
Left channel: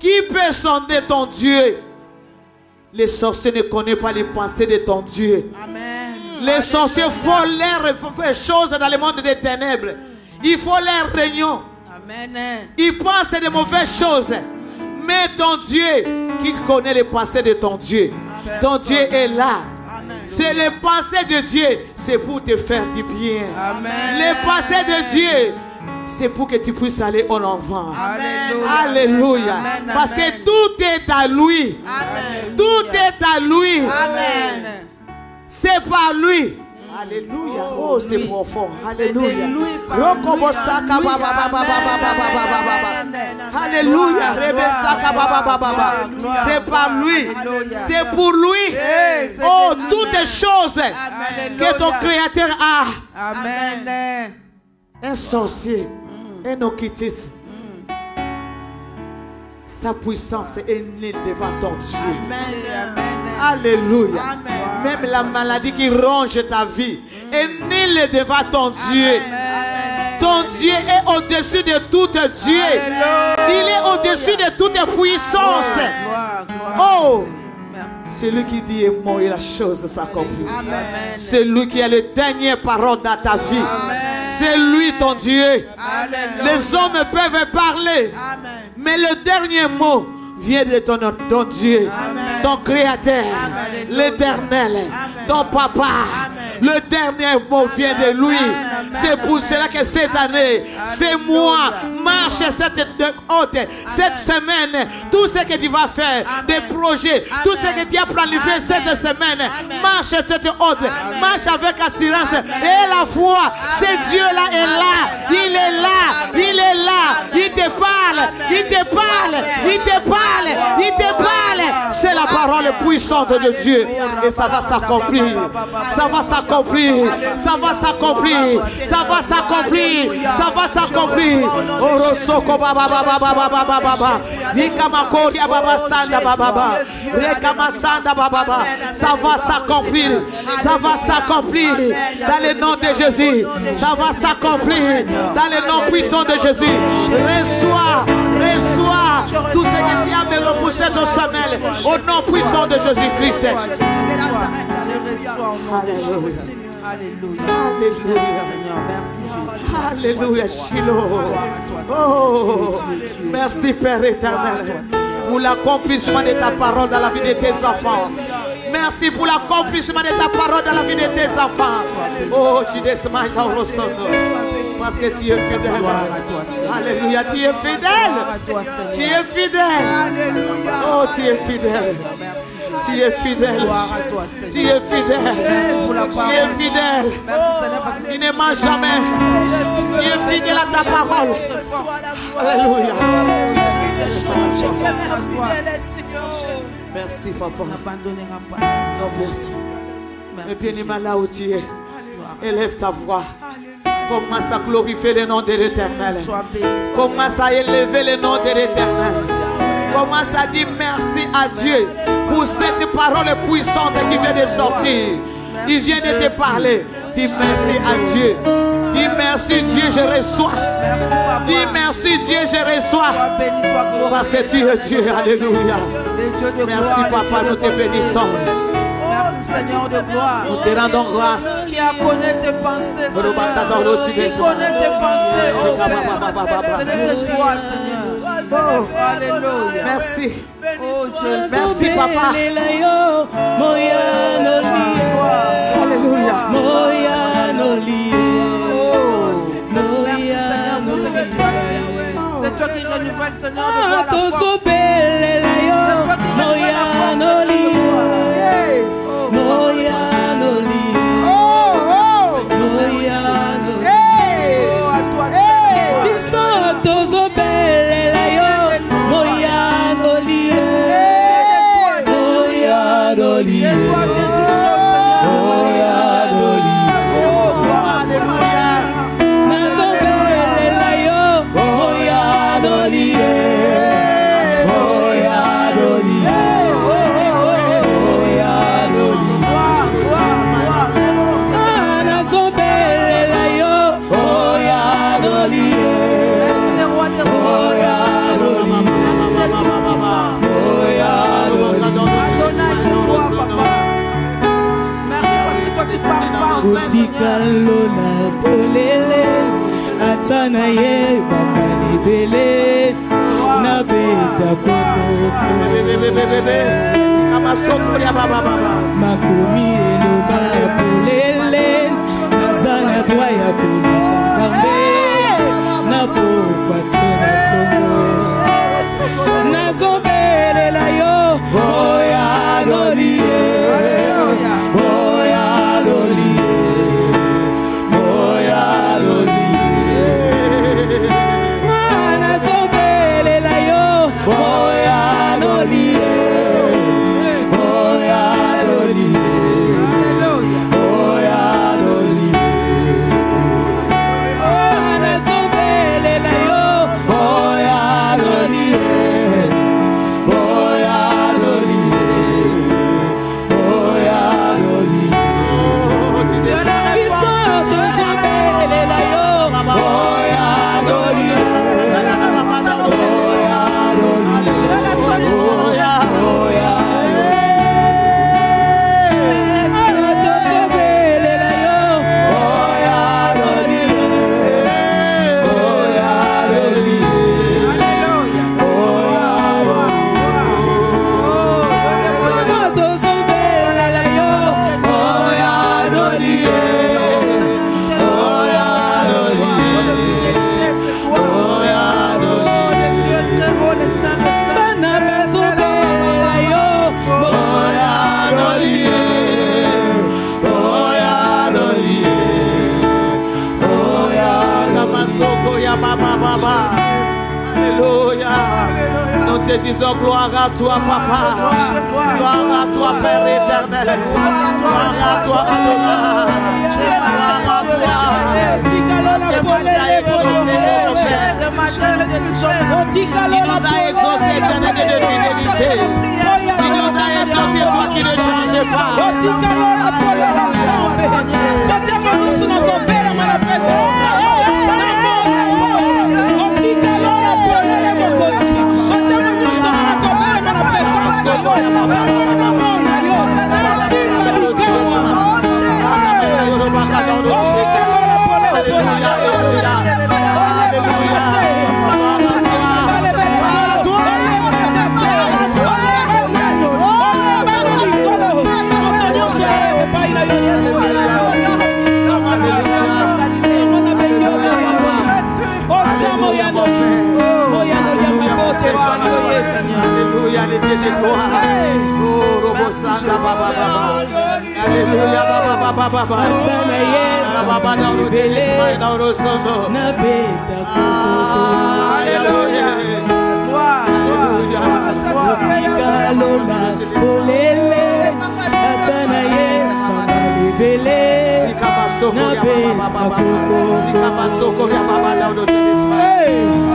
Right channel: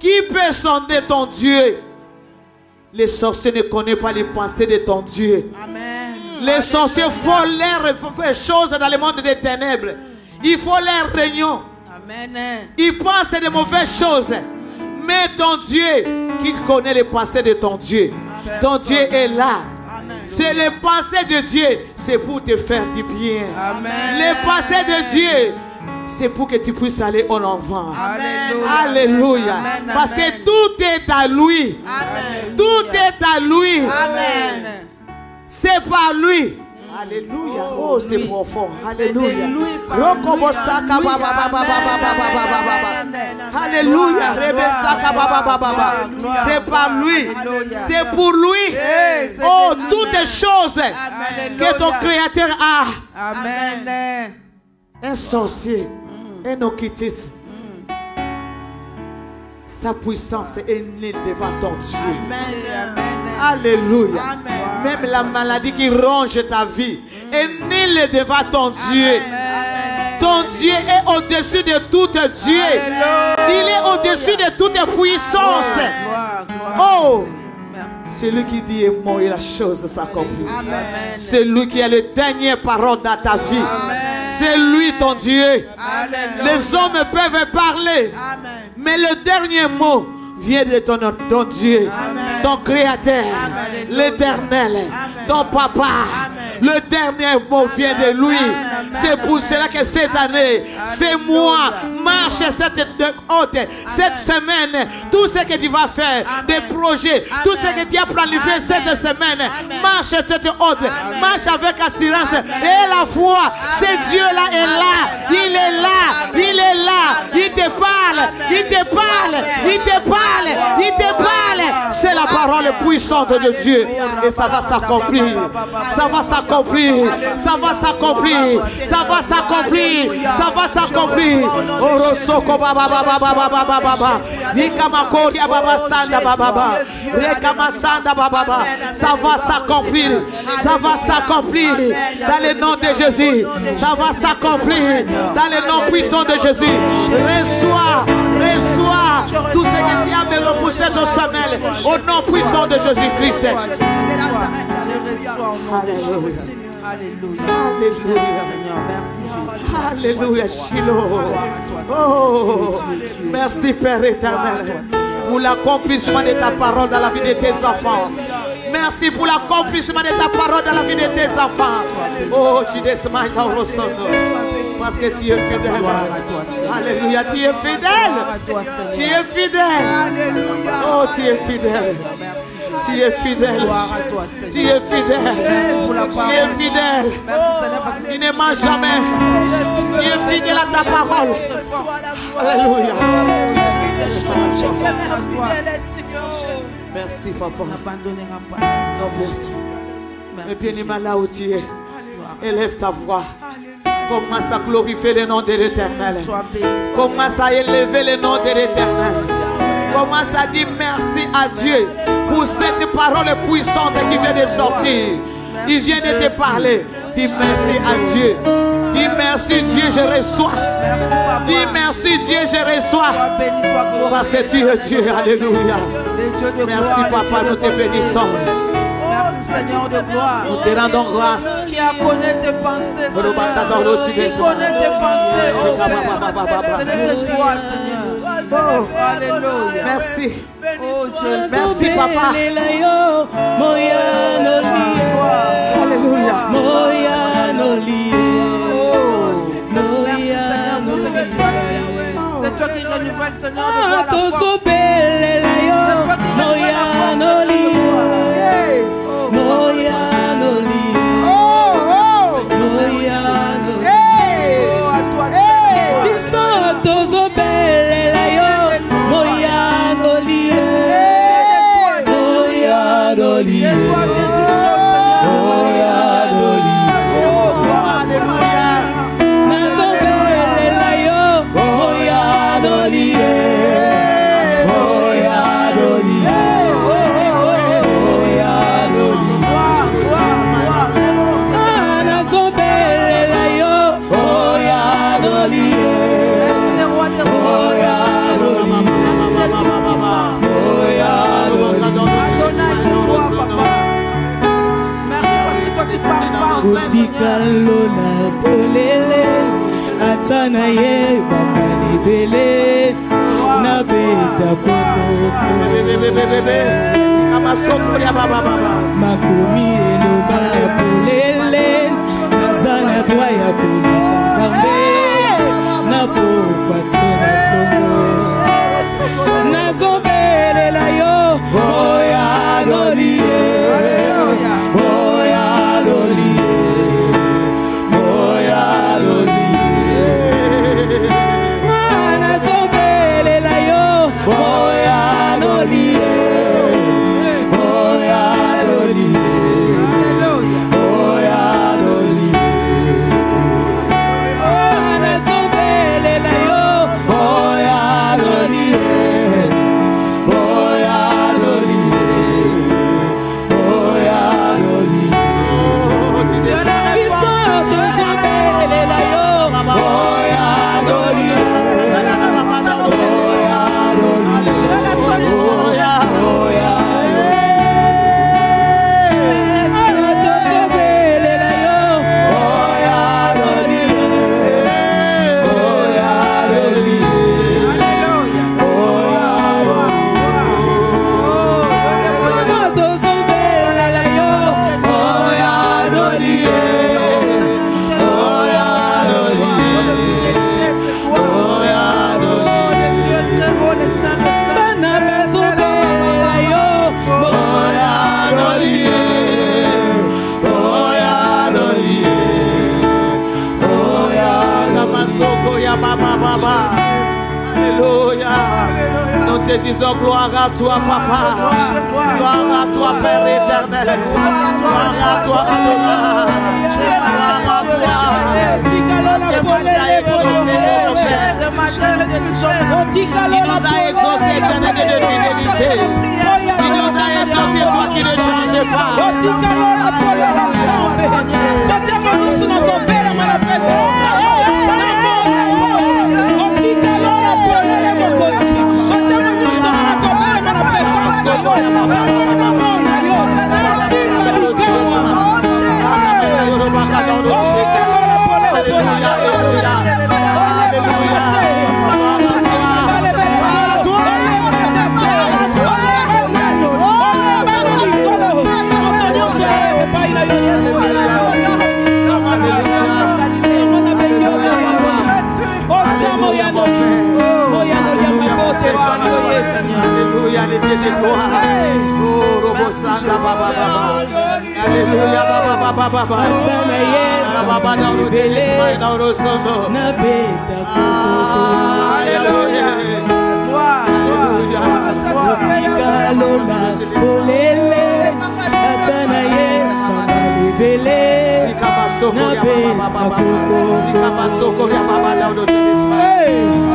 Qui peut sonder ton Dieu? Les sorciers ne connaissent pas les pensées de ton Dieu. Amen. Les sorciers font leurs choses dans le monde des ténèbres. Ils font leurs réunions. Amen. Ils pensent de mauvaises choses. Mais ton Dieu, qui connaît les pensées de ton Dieu, ton Dieu est là. C'est les pensées de Dieu, c'est pour te faire du bien. Amen. Les pensées de Dieu, c'est pour que tu puisses aller en avant. Alléluia. Alléluia. Amen. Parce que tout est à lui. Amen. Tout est à lui. Amen. C'est par lui. Alléluia. Oh, c'est profond. Alléluia. Rokobosaka baba baba baba baba. Alléluia. Rebesaka baba baba. C'est par lui. C'est pour lui. Oh, toutes les choses que ton Créateur a. Amen. Un sorcier, un occultiste. Sa puissance est née devant ton Dieu. Alléluia. Même la maladie qui ronge ta vie est née devant ton Dieu. Ton Dieu est au-dessus de tout Dieu. Il est au-dessus de toute puissance. Oh, celui qui dit est mort et la chose s'accomplit. C'est lui qui a les dernières paroles dans ta vie. C'est lui ton Dieu. Les hommes peuvent parler, mais le dernier mot vient de ton Dieu, ton Créateur, l'Éternel, ton Papa. Le dernier mot vient de lui. C'est pour cela que cette année, c'est moi, marche cette semaine, tout ce que tu vas faire, des projets, tout ce que tu as planifié cette semaine, marche cette haute, marche avec assurance et la foi. Ce Dieu-là est là, il est là, il est là, il te parle, il te parle, il te parle, il te parle. C'est la parole puissante de Dieu et ça va s'accomplir, ça va s'accomplir, ça va s'accomplir, ça va s'accomplir, ça va s'accomplir. Orosoko baba baba baba baba baba, Nikamakoria baba sanda baba baba, Rekama sanda baba baba, ça va s'accomplir, ça va s'accomplir dans le nom de Jésus, ça va s'accomplir dans le nom puissant de Jésus. Reçois, reçois tout ce que tu as me repoussé de Samuel au nom puissant de Jésus-Christ. Alléluia. Alléluia. Seigneur, merci Jésus. Alléluia, Shiloh. Oh, merci Père éternel pour l'accomplissement de ta parole dans la vie de tes enfants. Merci pour l'accomplissement de ta parole dans la vie de tes enfants. Oh, tu descends au sol. Parce que tu es fidèle. Alléluia, tu es fidèle. Tu es fidèle. Oh, tu es fidèle. Tu es fidèle. Tu es fidèle. Tu es fidèle. Tu ne manges jamais. Tu es fidèle à ta parole. Alléluia. Merci, papa. Et bien, là où tu es, élève ta voix. Commence à glorifier le nom de l'Éternel. Commence à élever le nom de l'Éternel. Commence à dire merci à Dieu pour cette parole puissante qui vient de sortir. Il vient de te parler. Dis merci à Dieu. Dis merci Dieu, je reçois. Dis merci Dieu, je reçois. Parce que tu es Dieu. Alléluia. Merci Papa, nous te bénissons. Seigneur de gloire, nous te rendons grâce. Qui a connaît tes pensées, Seigneur. Qui connaît tes pensées, oh Père. Ce n'est que toi, Seigneur. Oh, alléluia. Merci. Oh Jésus. Merci Papa. Alléluia. C'est toi qui renouvelle, Seigneur, de gloire. Disons gloire à toi, Papa. Gloire à toi, Père éternel. Gloire à toi, Adonai. Hey!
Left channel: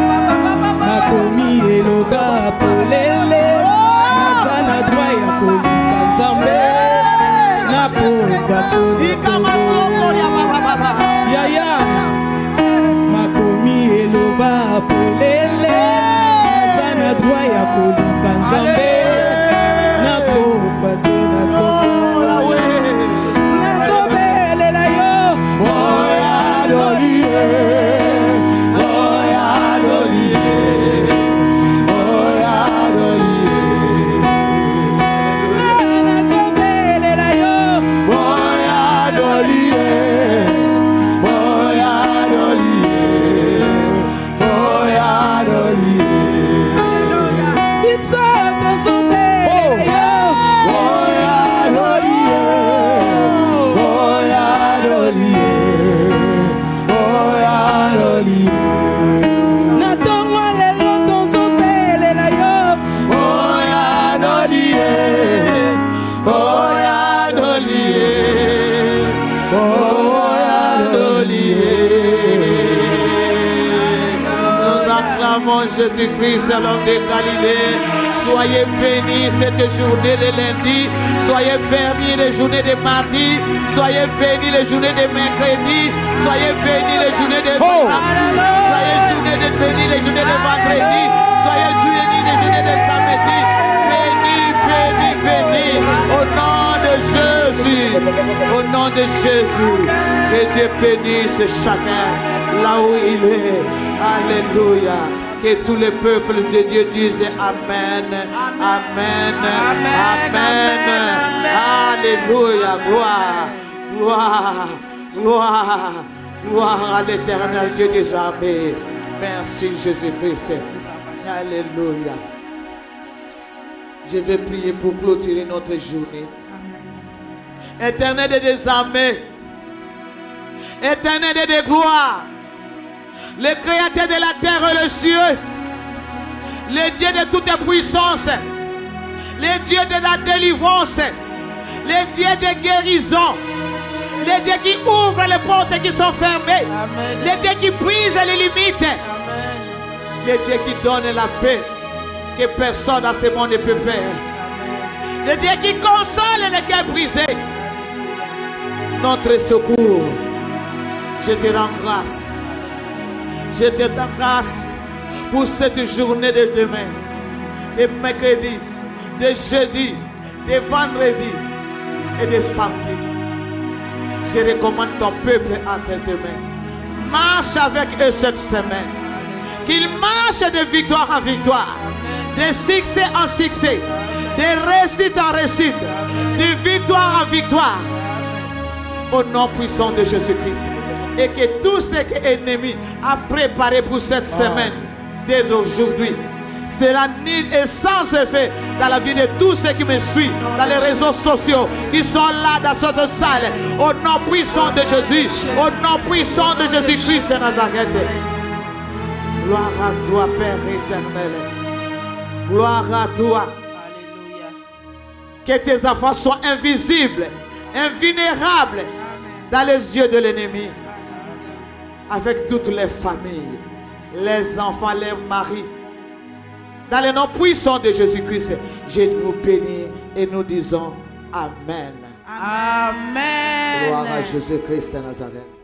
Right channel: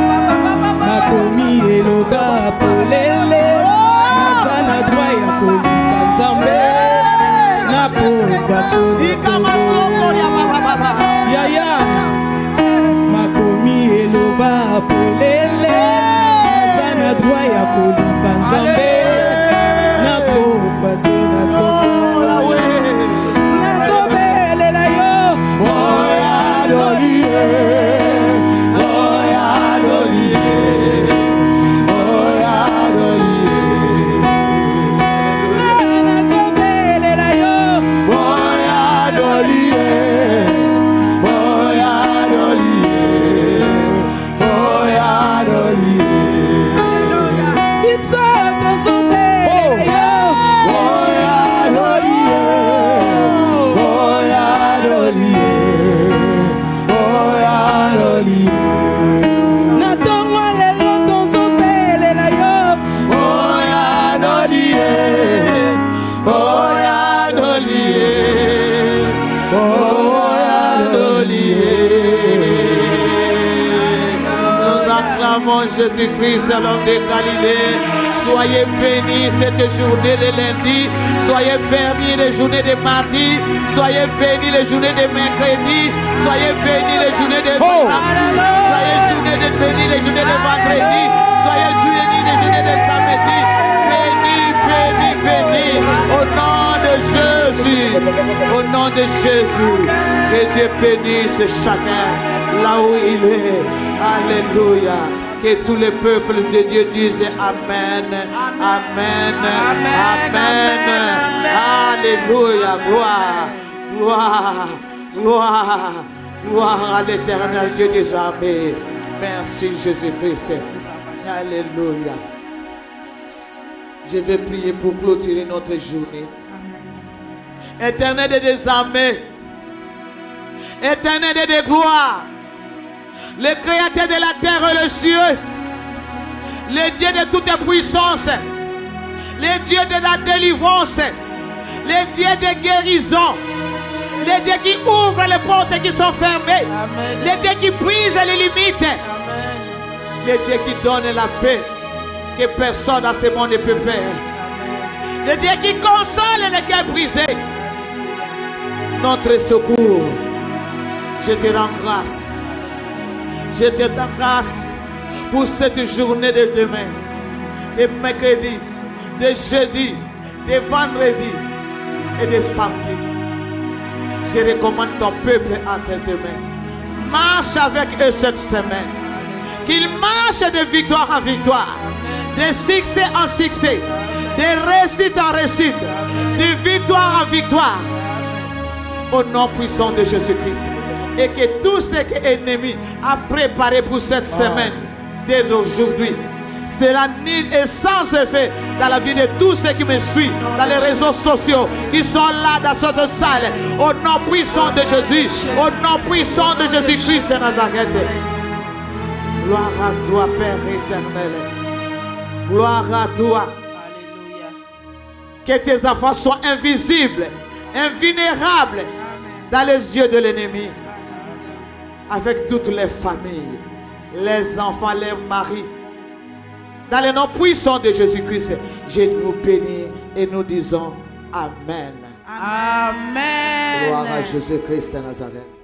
Jésus-Christ, l'homme de Galilée. Soyez bénis cette journée de lundi. Soyez bénis les journées de mardi. Soyez bénis les journées de mercredi. Soyez bénis les journées de mardi. Soyez bénis les journées de vendredi. Soyez bénis les journées de samedi. Bénis, bénis, bénis. Au nom de Jésus. Au nom de Jésus. Que Dieu bénisse chacun là où il est. Alléluia. Que tous les peuples de Dieu disent Amen. Amen. Amen. Alléluia. Gloire. Gloire. Gloire. Gloire à l'éternel Dieu des armées. Merci Jésus-Christ. Alléluia. Je vais prier pour clôturer notre journée. Éternel des armées. Éternel de gloire. Le créateur de la terre et le ciel. Le Dieu de toute puissance. Le Dieu de la délivrance. Le Dieu de guérison. Le Dieu qui ouvre les portes qui sont fermées. Le Dieu qui brise les limites. Le Dieu qui donne la paix que personne dans ce monde ne peut faire. Le Dieu qui console les cœurs brisés. Notre secours. Je te rends grâce. Je te rends grâce pour cette journée de demain, de mercredi, de jeudi, de vendredi et de samedi. Je recommande ton peuple entre tes mains. Marche avec eux cette semaine. Qu'ils marchent de victoire en victoire, de succès en succès, de réussite en réussite, de victoire en victoire. Au nom puissant de Jésus-Christ. Et que tout ce que l'ennemi a préparé pour cette semaine, dès aujourd'hui, sera nul et sans effet dans la vie de tous ceux qui me suivent dans les réseaux sociaux, qui sont là dans cette salle. Au nom puissant de Jésus, au nom puissant de Jésus-Christ de Nazareth. Gloire à toi, Père éternel. Gloire à toi. Que tes enfants soient invisibles, invulnérables dans les yeux de l'ennemi. Avec toutes les familles, les enfants, les maris. Dans le nom puissant de Jésus-Christ, je vous bénis et nous disons Amen. Amen. Gloire à Jésus-Christ de Nazareth.